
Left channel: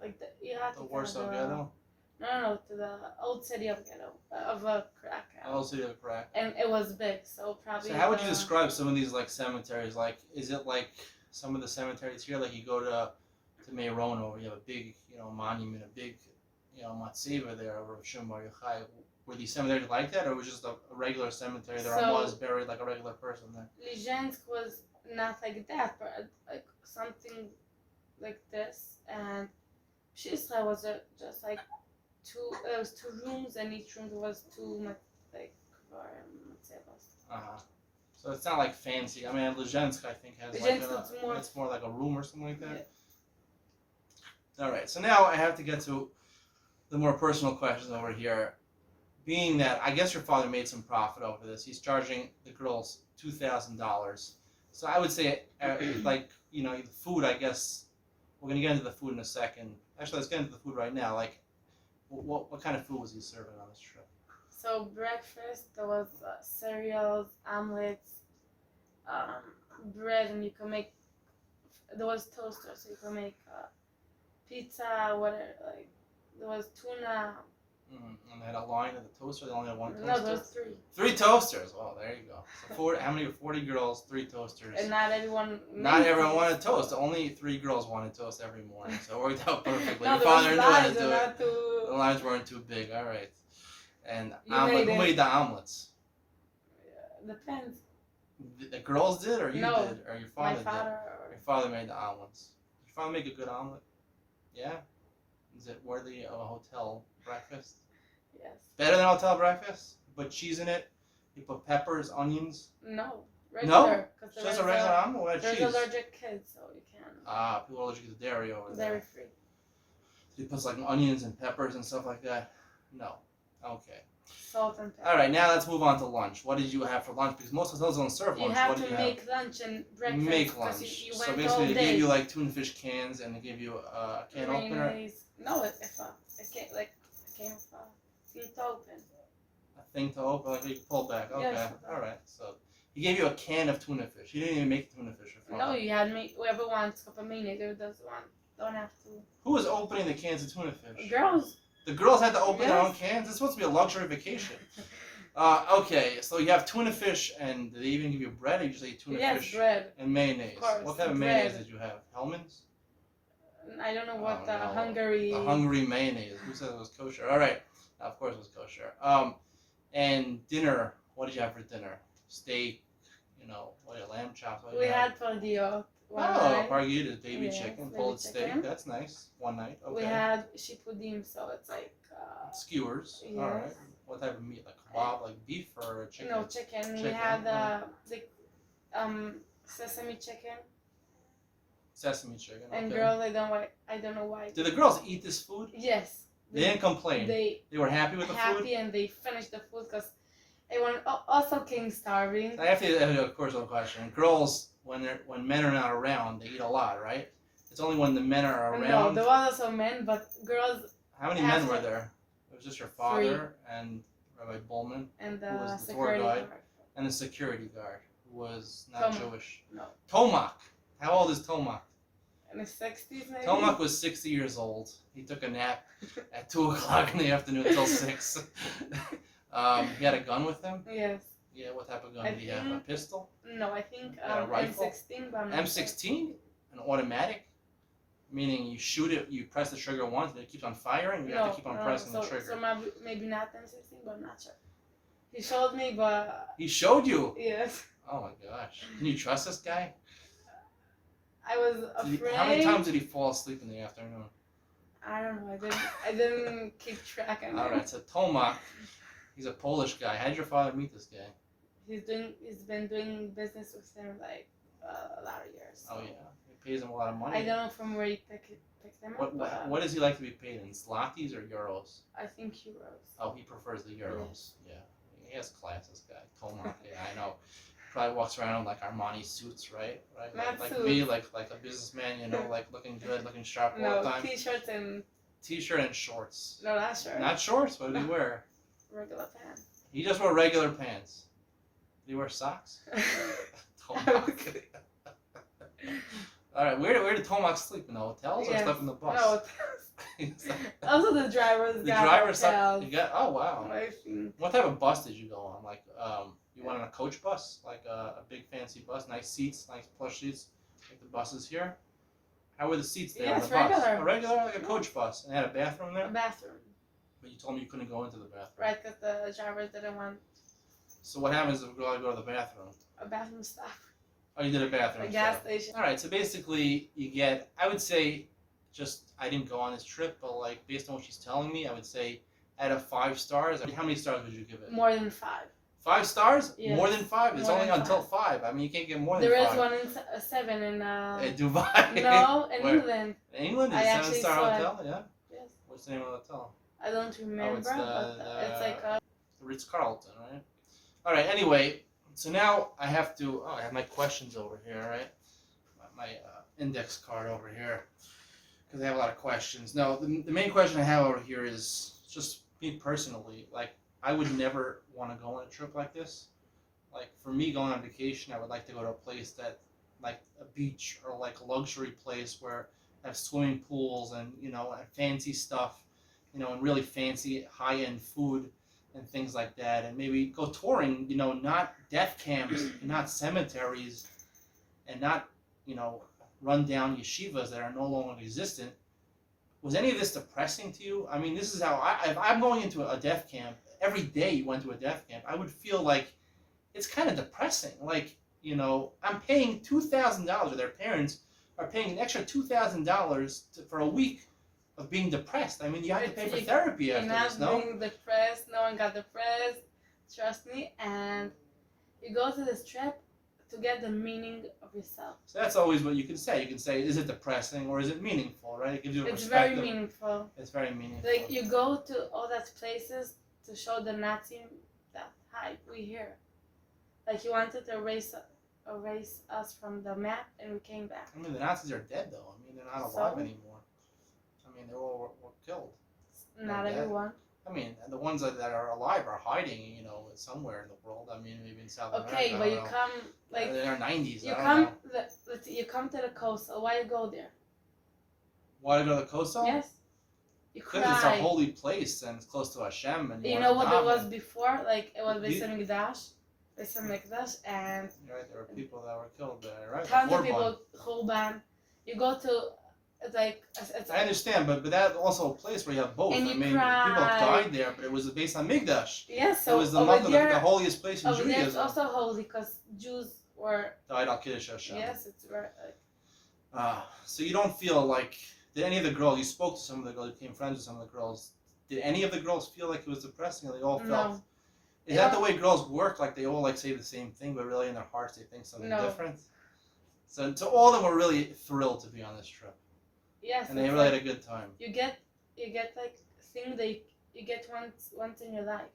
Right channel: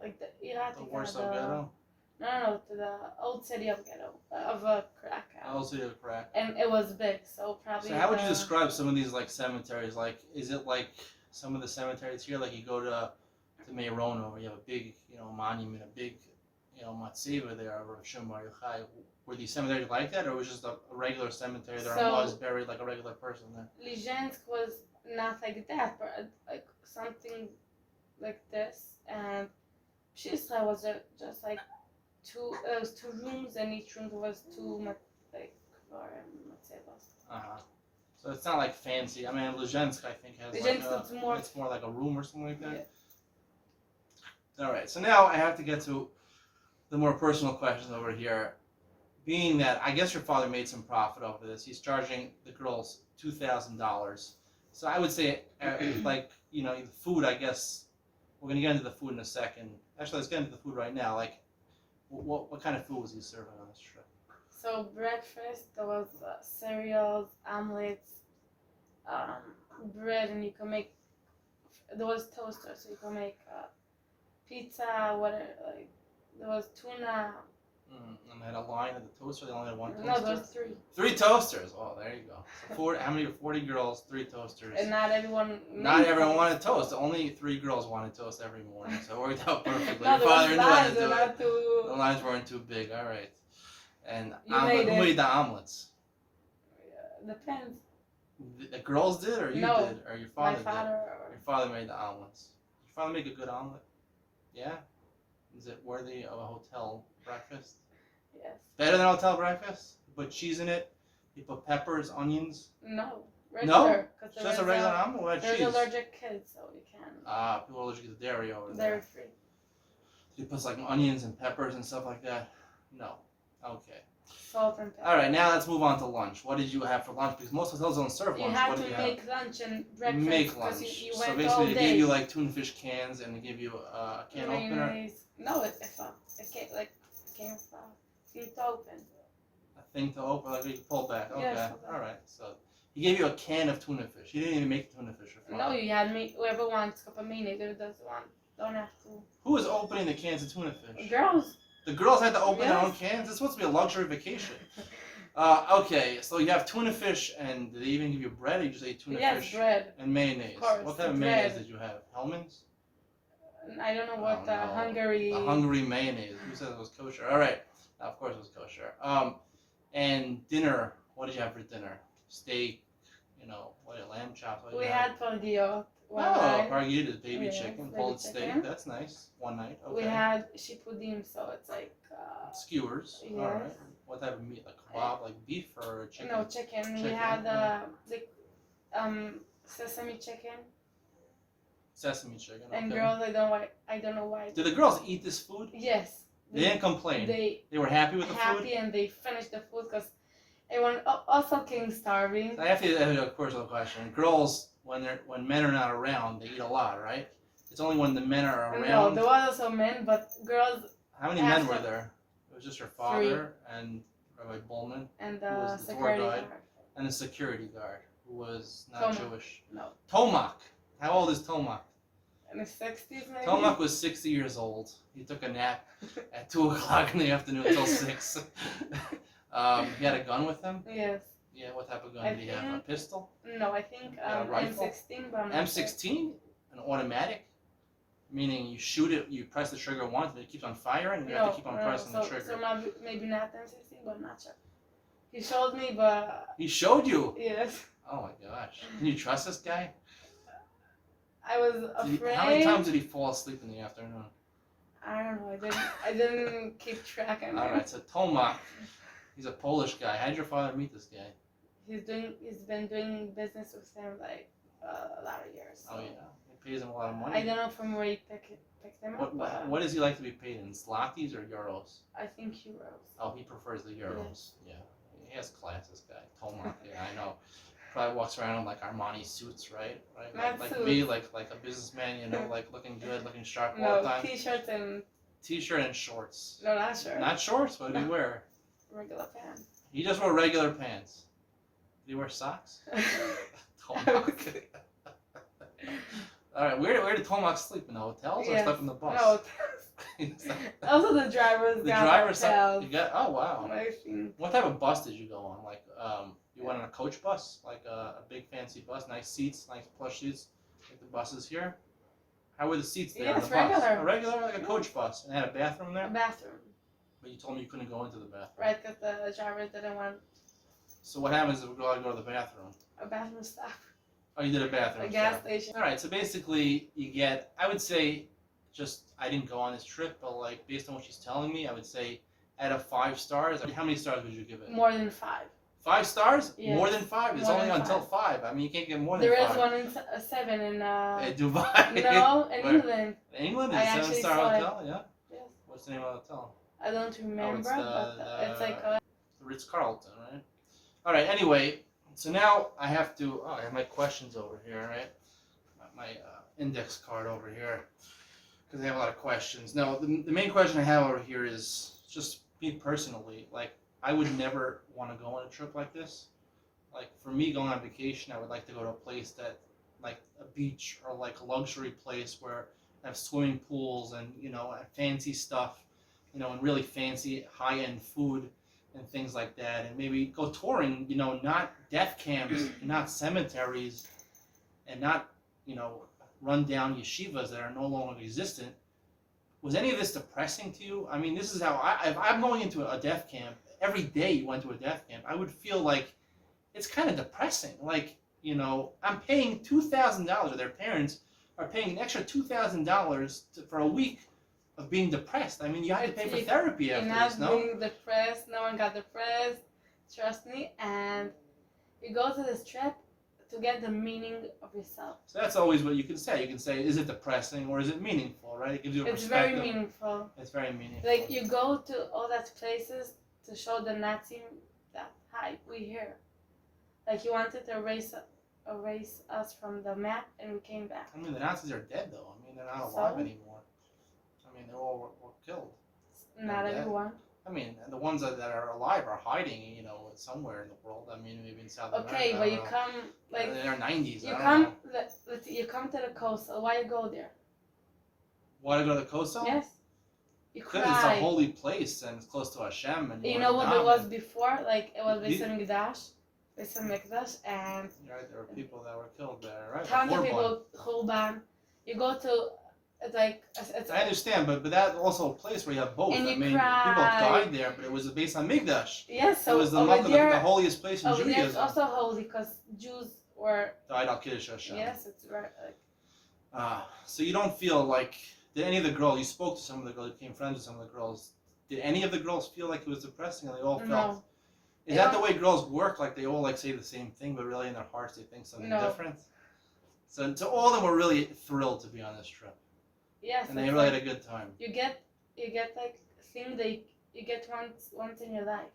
like the Iraq. The Warsaw ghetto? No, to the old city of Krakow. Old city of Krakow. And it was big, so probably. So how would you describe some of these like cemeteries? Like, is it like some of the cemeteries here? Like you go to Meirona, where you have a big, monument, a big, matzeva there over Shimon Bar Yochai. Were these cemeteries like that, or was it just a regular cemetery? There was buried like a regular person there. Lezhensk was not like that, but like something like this, and Pshischa was just like two. There was 2 rooms, and each room was 2 like matzevas. So it's not like fancy. I mean, Lezhensk, I think, has it's more like a room or something like that. Yeah. All right. So now I have to get to the more personal questions over here. Being that I guess your father made some profit over this, he's charging the girls $2,000. So I would say, the food. I guess we're gonna get into the food in a second. Actually, let's get into the food right now. Like, what kind of food was he serving on this trip? So breakfast, there was cereals, omelets, bread, and you can make. There was toaster, so you can make pizza, whatever. Like there was tuna. And they had a line of the toaster. They only had 1 toaster. No, there was 3. 3 toasters. Oh, there you go. So how many? 40 girls, 3 toasters. And not everyone. Not everyone wanted toast. Only 3 girls wanted toast every morning. So it worked out perfectly. No, Your father knew how to do not it. too... The lines weren't too big. All right. And who made the omelets? Depends. The girls did, or you No, did, or your father did? My father. Your father made the omelets. Did your father make a good omelet? Yeah. Is it worthy of a hotel breakfast? Yes. Better than hotel breakfast? You put cheese in it? You put peppers, onions? No. No? Regular. Because Just a regular I'm or there's cheese? allergic kids, so you can. People are allergic to dairy over there. Dairy free. So you put like onions and peppers and stuff like that? No. Okay. Salt and pepper. All right, now let's move on to lunch. What did you have for lunch? Because most hotels don't serve lunch. You had What to did you make lunch and breakfast. Make 'cause lunch. You So went basically, all they day. gave you like tuna fish cans, and they give you a can opener. Mayonnaise. No, it came with a thing to open. A thing to open, like you pull back. Okay, Yes. all right. So he gave you a can of tuna fish. He didn't even make the tuna fish. No, you had me. Whoever wants a cup of mayonnaise, whoever doesn't want, don't have to. Who was opening the cans of tuna fish? Girls. The girls had to open their own Yes. cans. This is supposed to be a luxury vacation. Okay, so you have tuna fish, and did they even give you bread, or you just ate tuna Yes, fish bread. and mayonnaise? Of course, What type of bread. mayonnaise did you have? Hellman's? I don't know what Oh, the no. Hungary. The Hungary mayonnaise. Who said it was kosher? All right, of course it was kosher. And dinner. What did you have for dinner? Steak. Lamb chops. We had pardiot one Oh, night. pargitas, baby Yes, chicken, baby pulled chicken. steak. That's nice. One night. Okay. We had shipudim, so it's like. Skewers. Yes. All right. What type of meat? Like kebab, like beef or chicken? No, chicken. We Chicken, had yeah. sesame chicken. Sesame chicken. Okay. And girls, I don't know why. Did the girls eat this food? Yes. They didn't complain. They were happy with the food. And they finished the food because everyone also came starving. I have to ask you a personal question. Girls, when men are not around, they eat a lot, right? It's only when the men are around. No, there was also men, but girls How many men were there? It was just your father and Rabbi Bullman and who was the the tour security guide, guard. and the security guard who was not Tomak. Jewish. No. Tomak. How old is Tomak? In his 60s, maybe. Tomak was 60 years old. He took a nap at 2 o'clock in the afternoon until 6. He had a gun with him? Yes. Yeah, what type of gun did he have? A pistol? No, I think A rifle? M16, but I'm not sure. M16? An automatic? Meaning you shoot it, you press the trigger once, and it keeps on firing, and you have to keep on pressing the trigger. So maybe not M16, but I'm not sure. He showed me, but... He showed you? Yes. Oh my gosh. Can you trust this guy? I was afraid. How many times did he fall asleep in the afternoon? I don't know. I didn't keep track of him. Alright, so Tomak, he's a Polish guy. How did your father meet this guy? He's been doing business with him like a lot of years. So. Oh yeah. He pays him a lot of money. I don't know from where he picked him up. But What does he like to be paid in? Zlotys or euros? I think euros. Oh, he prefers the euros. Yeah. He has class, this guy. Tomak, yeah, I know. Probably walks around in like Armani suits, right? Not Like suits. me, like a businessman, like looking good, looking sharp all the No, time. t-shirts and T-shirt and shorts. no, not shirts. Not shorts. What did he wear? Regular pants. He just wore regular pants. Did he wear socks? Tomak. All right, where did Tomak sleep? In the hotels or Yes. slept in the bus? No. Also, the drivers The got driver hotels. you got. Oh wow. I think. What type of bus did you go on? Like you went on a coach bus, like a big fancy bus, nice seats, nice plush seats, like the buses here. How were the seats there on Yes, the bus? regular. A regular, like a coach bus, and it had a bathroom A there. bathroom. But you told me you couldn't go into the bathroom. Right, because the drivers didn't want So what happens if we go to the bathroom? a bathroom stop. Oh, you did a bathroom. A gas stop. station. All right, so basically you get, I would say, I didn't go on this trip, but like based on what she's telling me, I would say out of 5 stars, how many stars would you give it? More than 5. 5 stars? Yes. More than 5? It's More only than until 5. I mean, you can't get more than There 5. is one in 7 in Dubai. no, in Where? England. In England? I Is it a actually 7-star saw it. hotel? Yeah. Yes. What's the name of the hotel? I don't remember, but it's like The Ritz-Carlton, right? All right. Anyway, so now I have to. I have my questions over here, right? My index card over here, because I have a lot of questions. Now, the main question I have over here is just me personally. Like, I would never want to go on a trip like this. Like, for me, going on vacation, I would like to go to a place that, like a beach or like a luxury place where I have swimming pools and fancy stuff, and really fancy high-end food and things like that, and maybe go touring, not death camps, not cemeteries, and not, run down yeshivas that are no longer existent. Was any of this depressing to you? I mean, this is how if I'm going into a death camp, every day you went to a death camp, I would feel like it's kind of depressing. Like, I'm paying $2,000, or their parents are paying an extra $2,000 for a week of being depressed. I mean, you have to pay for It's- therapy You're after not this, no? being depressed. No one got depressed. Trust me. And you go to this trip to get the meaning of yourself. So that's always what you can say. You can say, is it depressing or is it meaningful, right? It gives you a It's very perspective. meaningful. It's very meaningful. Like you go to all that places to show the Nazi that hi, we here. Like you wanted to erase us from the map, and we came back. I mean, the Nazis are dead, though. I mean, they're not So? alive anymore. I mean, they all were killed. Not dead. everyone. I mean, and the ones that are alive are hiding, you know, somewhere in the world. I mean, maybe in South America. Okay, but you come like in their 90s. you I don't come. know. You come to the coastal. Why you go there? Want to go to the coastal? Yes. You Because cry. it's a holy place and it's close to Hashem. And You wanna know what there daven. was before? Like it was You- Beis Hamikdash, Beis Hamikdash, and Right, there were people that were killed there, right? tons of Korban. people. Churban. You go to. It's like it's. I understand, but that's also a place where you have both. And I you mean, cry. people died there, but it was based on Migdash. Yes, It so was the, over the there, holiest place in over there it's Judaism. also holy because Jews were. Died al Kiddush Hashem. Yes, it's very. So you don't feel like, did any of the girls, you spoke to some of the girls, you became friends with some of the girls, did any of the girls feel like it was depressing, or they all felt? No. Is that the way girls work? Like they all like say the same thing, but really in their hearts they think something No. different? So all of them were really thrilled to be on this trip, Yes, and they it's really like had a good time. you get like thing that you get once in your life.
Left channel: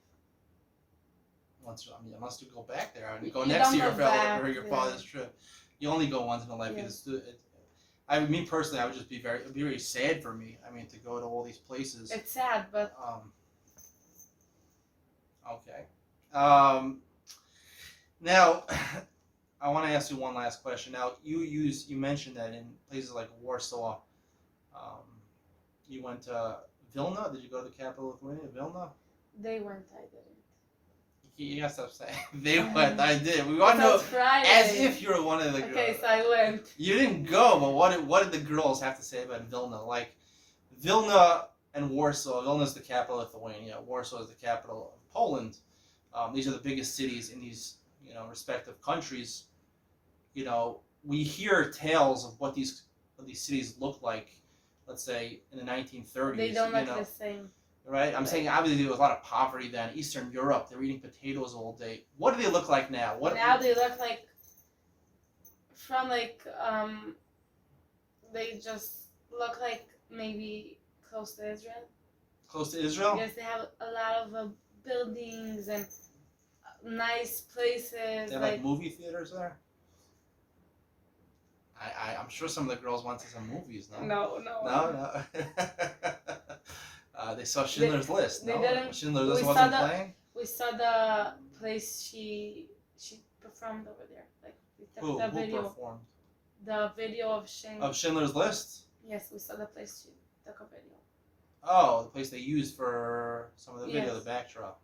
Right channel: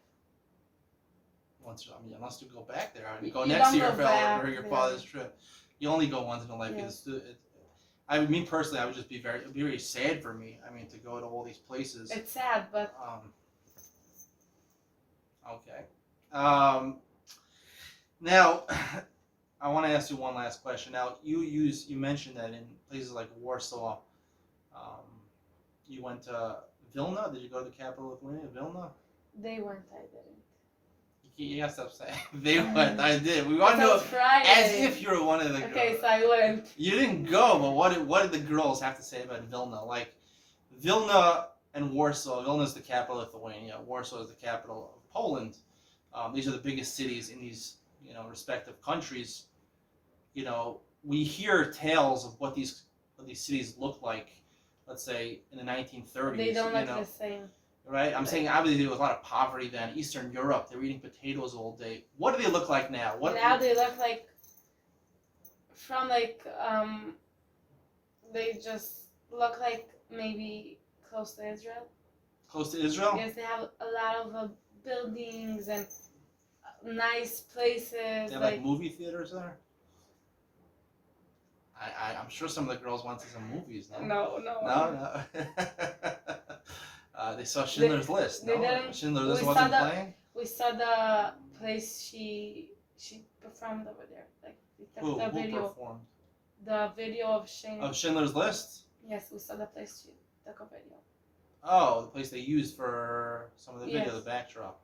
Unless you go back there, I mean, go You next don't year go for back, your yeah. father's trip. You only go once in a life. Yeah. Because me personally, I would just be very sad for me. I mean, to go to all these places. It's sad, but Okay. Now, I want to ask you one last question. Now, you mentioned that in places like Warsaw, you went to Vilna. Did you go to the capital of Lithuania, Vilna? they went. I didn't. You gotta stop saying they went. I did. We want to It know was Friday. as if you were one of the girls. Okay, so I went. You didn't go, but what did the girls have to say about Vilna? Like Vilna and Warsaw. Vilna is the capital of Lithuania. Warsaw is the capital of Poland. These are the biggest cities in these respective countries. We hear tales of what these cities look like. Let's say in the 1930s. They don't look the same. Right? I'm saying obviously there was a lot of poverty then. Eastern Europe, they were eating potatoes all day. What do they look like now? Now they look like from like they just look like maybe close to Israel. Close to Israel? Yes, they have a lot of buildings and nice places. They have like movie theaters there? I'm sure some of the girls went to some movies, no? No. They saw Schindler's List, no? they didn't- Schindler's List we wasn't saw playing? We saw the place she performed over there. Like we took Who the video. performed? The video of Of Schindler's List? Yes, we saw the place she took a video. Oh, the place they used for some of the video, Yes. the backdrop.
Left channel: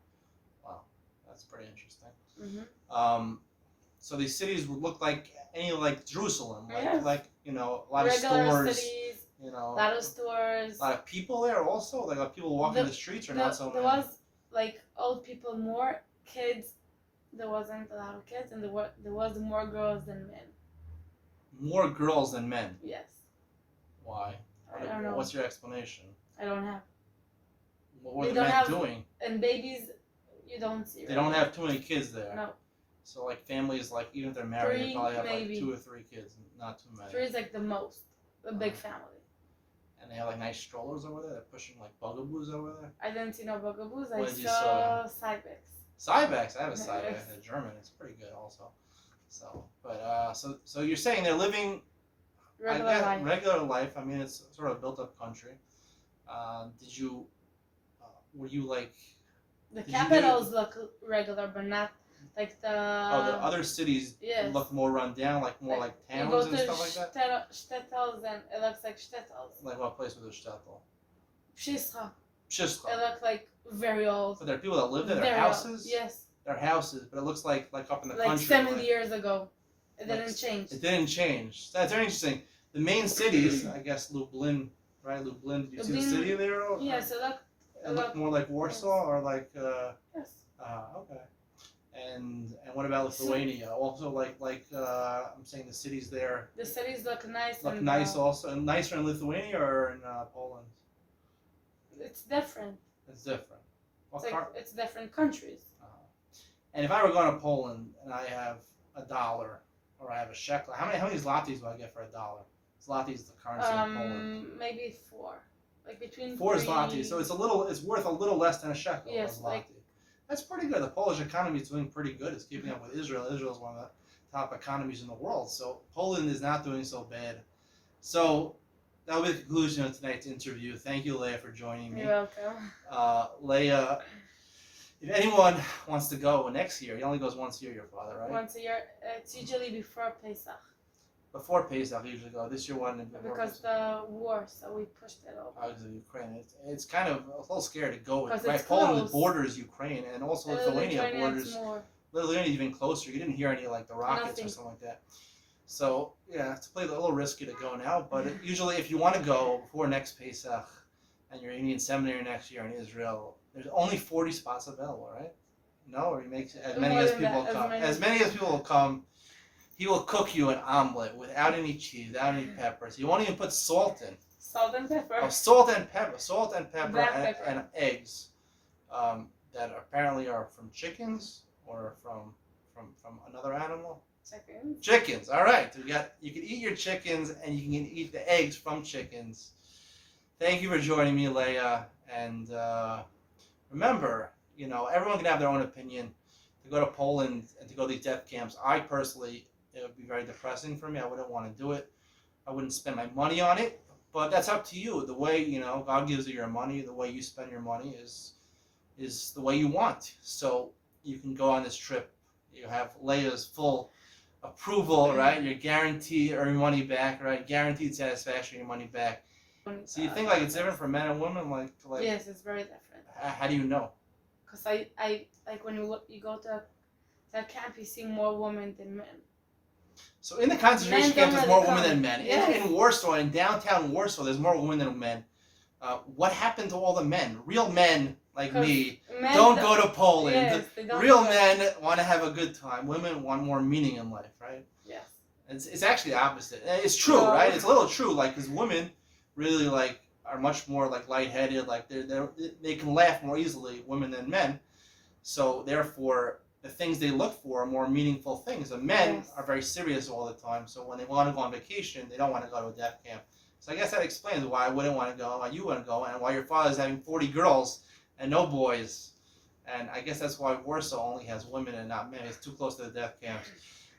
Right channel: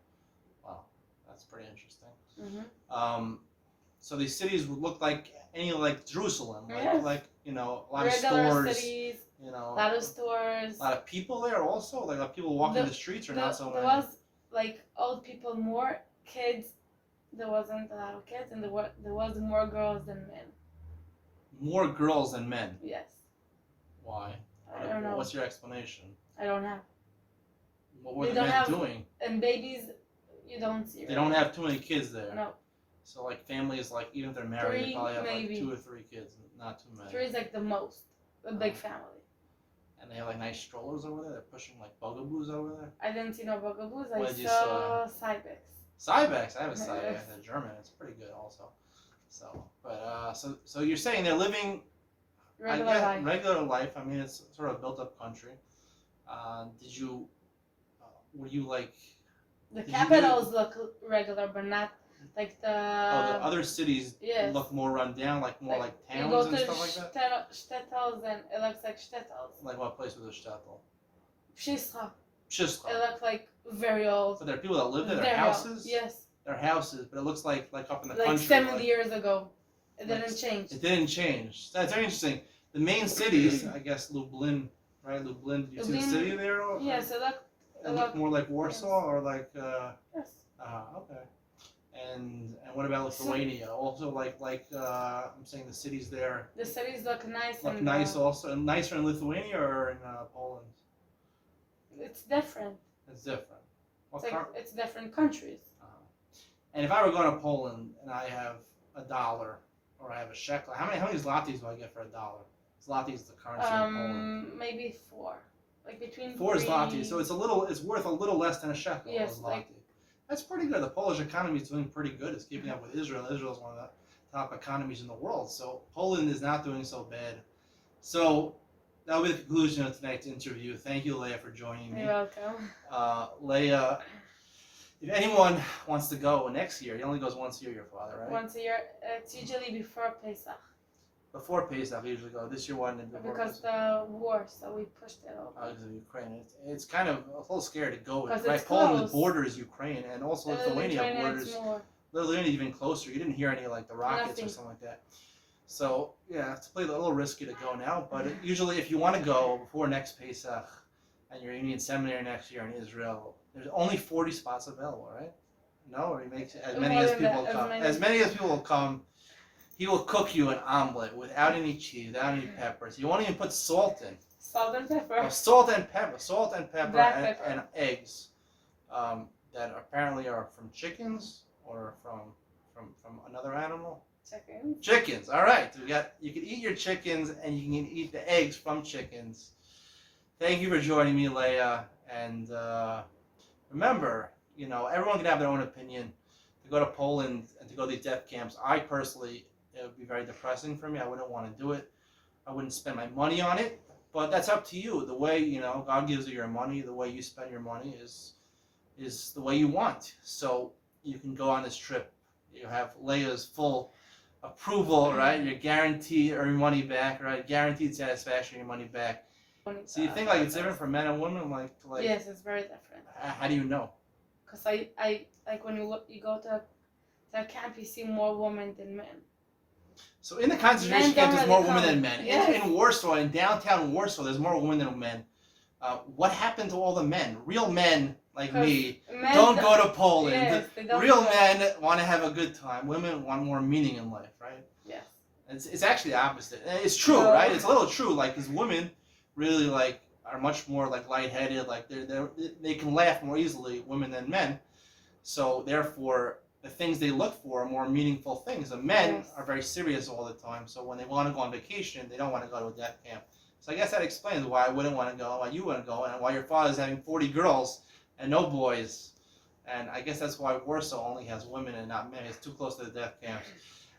Wow, that's pretty interesting. Mm-hmm. So these cities would look like like Jerusalem, Yes. like a lot Regular of stores, cities, a a lot of stores. lot of people there also, like people walking the streets or not so There many. was like old people, more kids. There wasn't a lot of kids, and there was more girls than men. More girls than men. Yes, Why? I don't know. What's your explanation? I don't have. What were They the don't men have- doing? And babies, you don't see. They don't have too many kids there. No, So like families, like even if they're married, they Three, probably have maybe. like 2 or 3 kids, not too many. 3 is like the most. A big family. And they have like nice strollers over there. They're pushing like bugaboos over there. I didn't see no bugaboos. What I did you saw Cybex. Cybex, I have a Yes. Cybex, a German. It's pretty good also. So, but so you're saying they're living Regular life. regular life. I mean, it's sort of a built-up country. Did you? Were you like? The Did you capitals look regular, but not like the. The other cities yes. look more run down, like more like You go towns and to stuff like that. shtetls and it looks like shtetls. Like what place was a shtetl? Pshischa. It Pshischa. looked like very old. But there are people that live there. Their Very old. houses. Yes. Their houses, but it looks like up in the Like country. 70 years ago. It Like, didn't change. It didn't change. That's very interesting. The main cities, I guess, Lublin, right? Lublin. Did you see the Lublin, city there? Or, Yes, it looked. It looked more like Warsaw, or like. Yes. Okay. And what about Lithuania? Also, like I'm saying, the cities there The cities look nice. look and, nice. Also, and nicer in Lithuania or in Poland. It's different. It's different. It's different countries. And if I were going to Poland and I have $1 or I have a shekel, how many zlotys do I get for $1? Zloty is the currency in Poland. Maybe 4, like between 4 3... zlotys. So it's worth a little less than a shekel. Yes, a zloty. That's pretty good. The Polish economy is doing pretty good. It's keeping up with Israel. Israel is one of the top economies in the world. So Poland is not doing so bad. So that will be the conclusion of tonight's interview. Thank you, Leah, for joining me. You're welcome. Leah, if anyone wants to go next year, he only goes once a year, your father, right? Once a year. It's usually before Pesach. Before Pesach, usually go. This year wasn't before Because Pesach. the war, so we pushed it over. Because of Ukraine. It's kind of a little scary to go. Because Right, it's Poland close. borders Ukraine, and also Lithuania borders. More. Lithuania even closer. You didn't hear any like the rockets Nothing. or something like that. So yeah, it's a little risky to go now. But usually, if you want to go before next Pesach, and you're in seminary next year in Israel, there's only 40 spots available, right? No, or he makes as many More as than people that, will come. As many as people will come. He will cook you an omelet without any cheese, without any peppers. You won't even put salt in. Salt and pepper. Oh, salt and pepper, Black and, pepper. and eggs that apparently are from chickens or from another animal. Chickens. Chickens. All right. You can eat your chickens and you can eat the eggs from chickens. Thank you for joining me, Leah. And remember, everyone can have their own opinion. To go to Poland and to go to these death camps, I personally, it would be very depressing for me. I wouldn't want to do it. I wouldn't spend my money on it. But that's up to you. The way, God gives you your money, the way you spend your money is the way you want. So you can go on this trip. You have Leah's full approval, right? You're guaranteed your money back, right? Guaranteed satisfaction, your money back. So you think like it's different for men and women? Like Yes, it's very different. How do you know? Because I like when you go to a camp, you see more women than men. So in the concentration Men camps, don't there's more really women come. than men. Yes. In Warsaw, in downtown Warsaw, there's more women than men. What happened to all the men? Real men like me Men don't go to Poland. Yes, they don't Real go. men want to have a good time. Women want more meaning in life, right? Yes. It's actually the opposite. It's true, No. right? It's a little true, like, because women really are much more lightheaded, like they can laugh more easily, women than men. So therefore, the things they look for are more meaningful things. The men Yes. are very serious all the time. So when they want to go on vacation, they don't want to go to a death camp. So I guess that explains why I wouldn't want to go, why you wouldn't go, and why your father's having 40 girls and no boys. And I guess that's why Warsaw only has women and not men. It's too close to the death camps.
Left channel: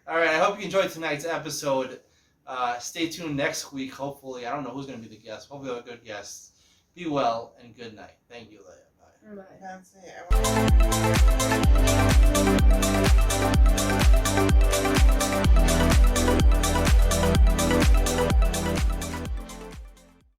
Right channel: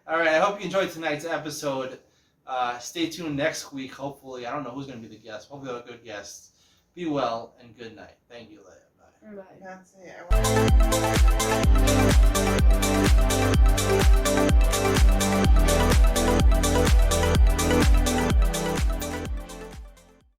All right, I hope you enjoyed tonight's episode. Stay tuned next week, hopefully. I don't know who's going to be the guest. Hopefully we'll have a good guest. Be well and good night. Thank you, Leah. Bye. Bye. That's it.